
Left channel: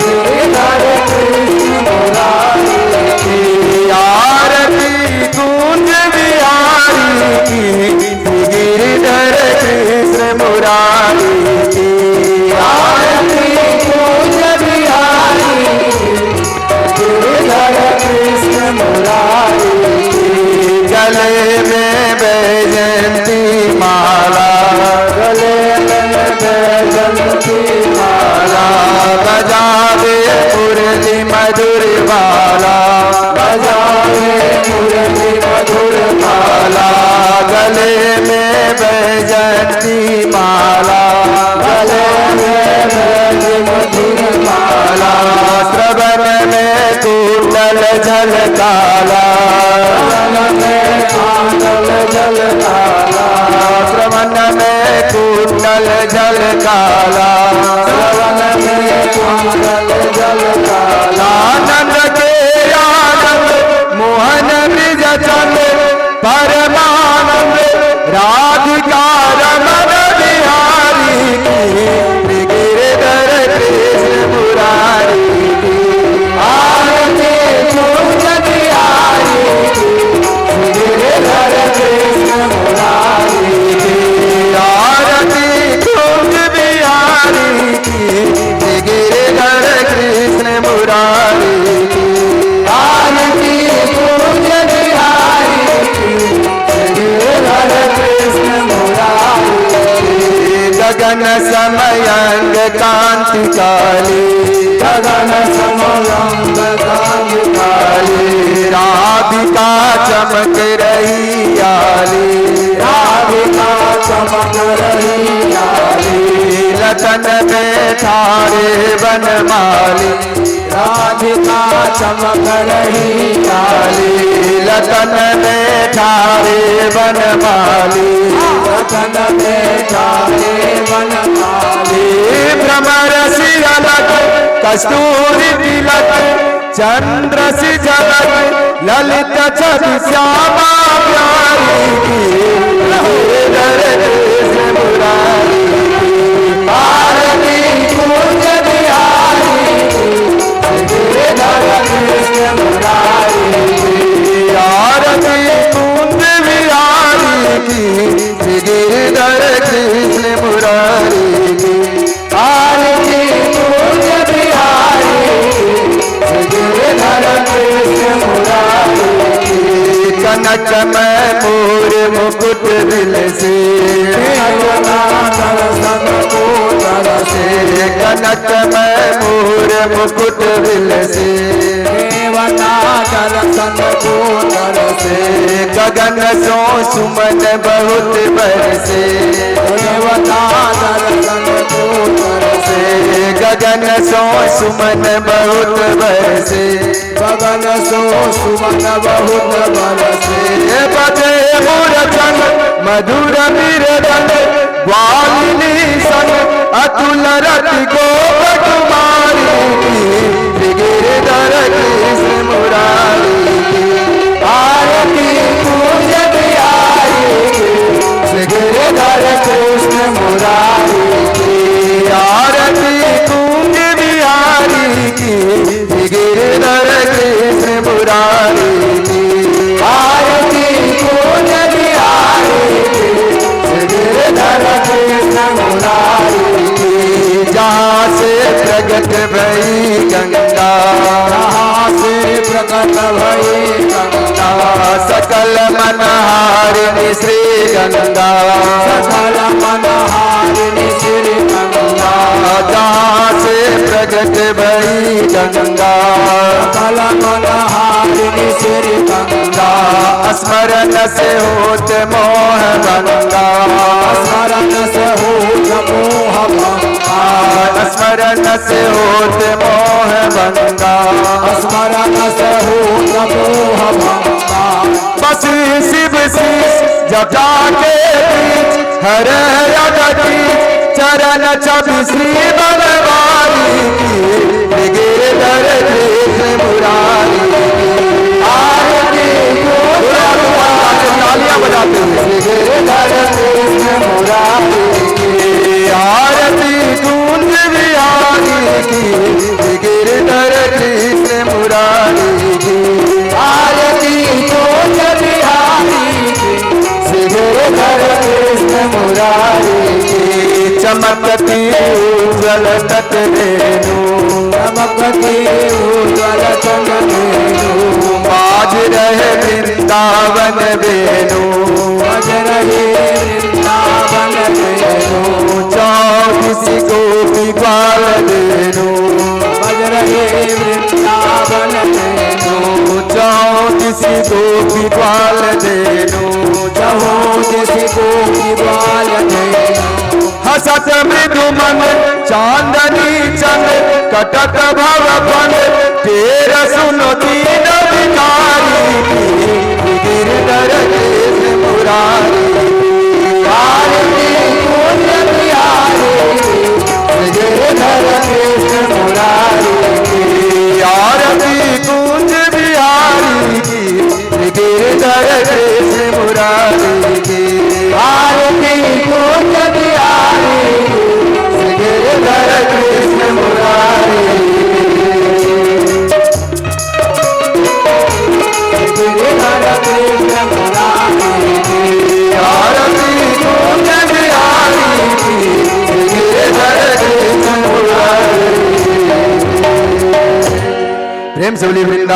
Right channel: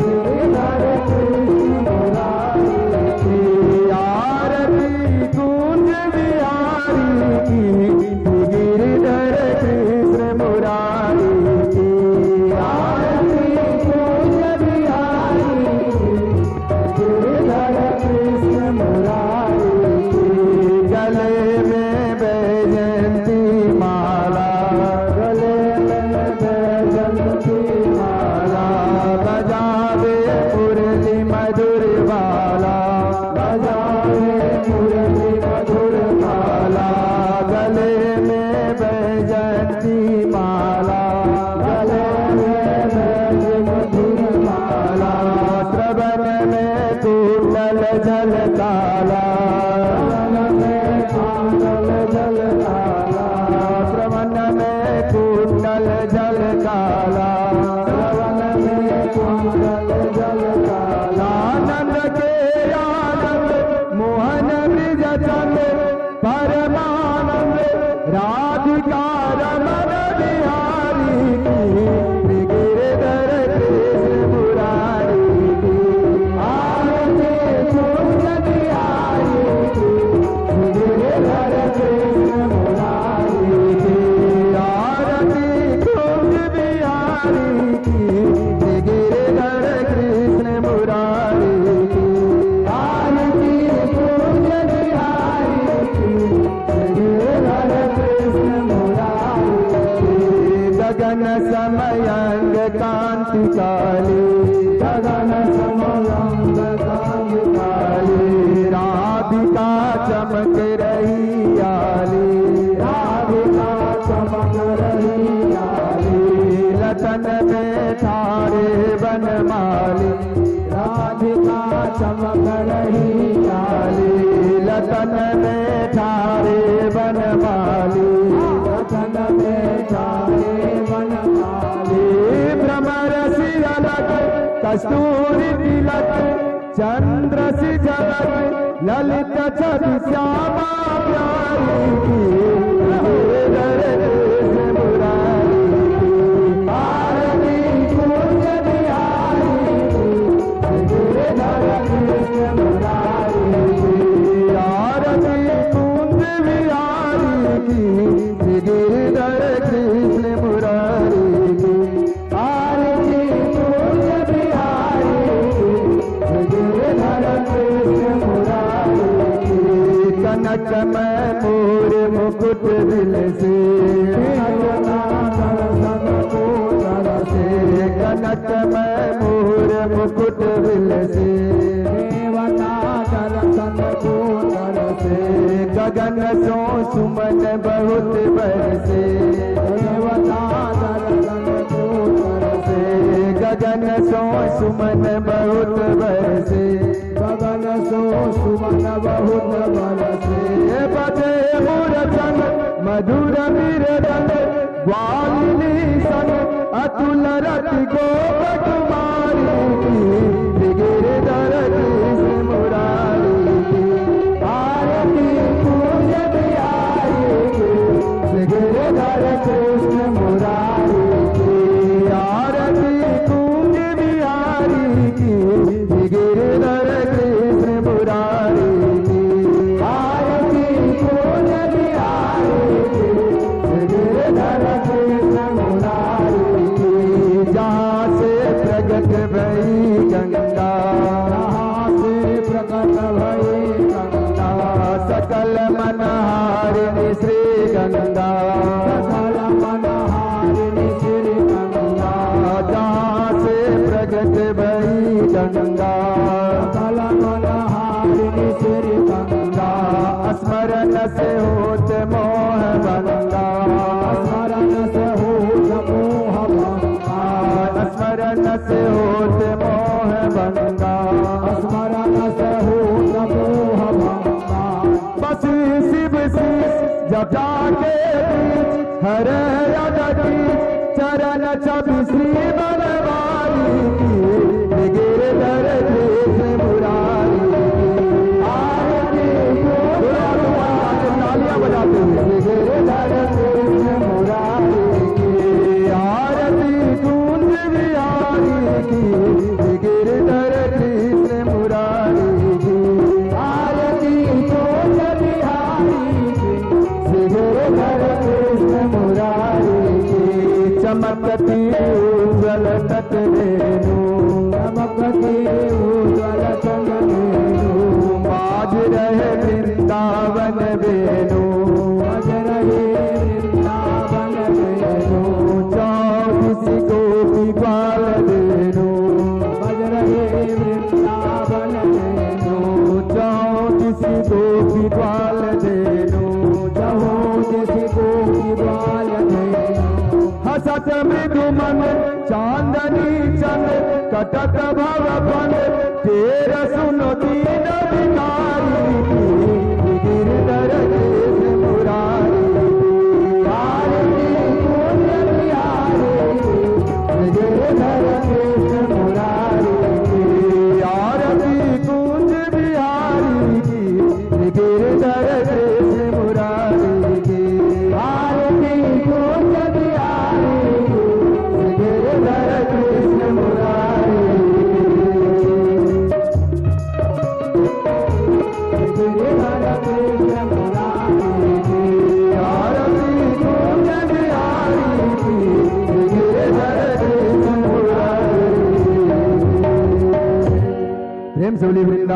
गिरधर कृष्ण मुरारी की, आरती कुंज बिहारी की गिरधर कृष्ण मुरारी की, आरती कुंज बिहारी गिरधर कृष्ण मुरारी की, गले में बैजयंती माँ काला, श्रवण में कुंडल जल काला। आनंद के आनंद मोहन ब्रिज चंद परमानंद राधिका रमन बिहारी की गिरधर कृष्ण मुरारी की आरती कुंज बिहारी की गिरधर कृष्ण मुरारी की आरती कुंज बिहारी की गिरधर कृष्ण मुरारी की आरती कुंज बिहारी की गिरधर कृष्ण मुरारी की। गगन समयंग कांति काली, गगन समयंग कांति काली, राधिका चमक रही आली, राधिका चमक रही आली। लतन में ठाड़े बनमाली, राधिका चमक रही आली। लतन में ठाड़े बनमाली, लतन में ठाड़े बनमाली। भ्रमर सिरलक कस्तूरी तिलक, चंद्र सी झलक ललित छवि श्यामा प्यारी की गिरधर कृष्ण मुरारी की आरती कुंज बिहारी की गिरधर कृष्ण मुरारी की आरती कुंज बिहारी की गिरधर कृष्ण मुरारी की आरती कुंज बिहारी की गिरधर कृष्ण मुरारी की। कनक में मोर मुकुट दिल से, कनक में मोर मुकुट दिल से, देवता दर्शन को तरसे। गगन सो सुमन बहुत बरसे, देवता दर्शन को तरसे। गगन सो सुमन बहुत बरसे, गगन सो सुमन बहुत बरसे। बजे मूरछन मधुर बिरदन, ग्वालिनी सन अतुल रति गोप कुमारी की गिरधर कृष्ण मुरारी की आरती कुंज बिहारी की गिरधर कृष्ण मुरारी की आरती कुंज बिहारी की गिरधर कृष्ण मुरारी की आरती कुंज बिहारी की गिरधर कृष्ण मुरारी की। जहाँ से प्रगट भई गंगा, जहाँ से प्रगट भई गंगा, सकल मनहारिणी श्री गंगा, सकल मनहारिणी श्री गंगा। जहाँ से प्रगट भई गंगा, सकल मनहारिणी श्री गंगा। स्मरण से होत मोह भंगा, स्मरण से होत मोह भंगा, स्मरण से होत मोह भंगा, स्मरण से होत मोह भंगा। बस शिव शीश जटा के बीच हर अगति, चरण छवि श्री बनवारी की गिरधर कृष्ण मुरारी की आरती तालियां बजाते हुए गिरधर कृष्ण मुरारी की आरती कुंज बिहारी की गिरधर कृष्ण मुरारी की आरती कुंज बिहारी की गिरधर कृष्ण मुरारी की। चमकती उज्ज्वल तट रेणु, चमकती उज्ज्वल तट रेणु, बाज रहे वृंदावन वेणु, बाज रहे वृंदावन वेणु। चौबीस गोपी ग्वाल वेणु, बाज रहे वृंदावन वेणु। चौबीस गोपी ग्वाल वेणु, चौबीस गोपी ग्वाल वेणु। हसत मृदुमन चांदनी चंद कटक भवन, तेर सुनो दीन भिखारी की गिरधर कृष्ण मुरारी की आरती कुंज बिहारी की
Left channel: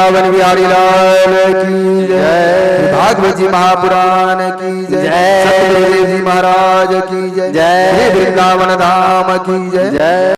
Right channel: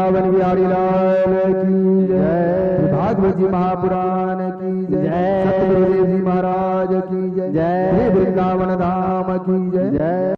वृंदावन बिहारी लाल की जय, भागवत जी महापुराण की जय, सतगुरुदेव जी महाराज की जय, वृंदावन धाम की जय।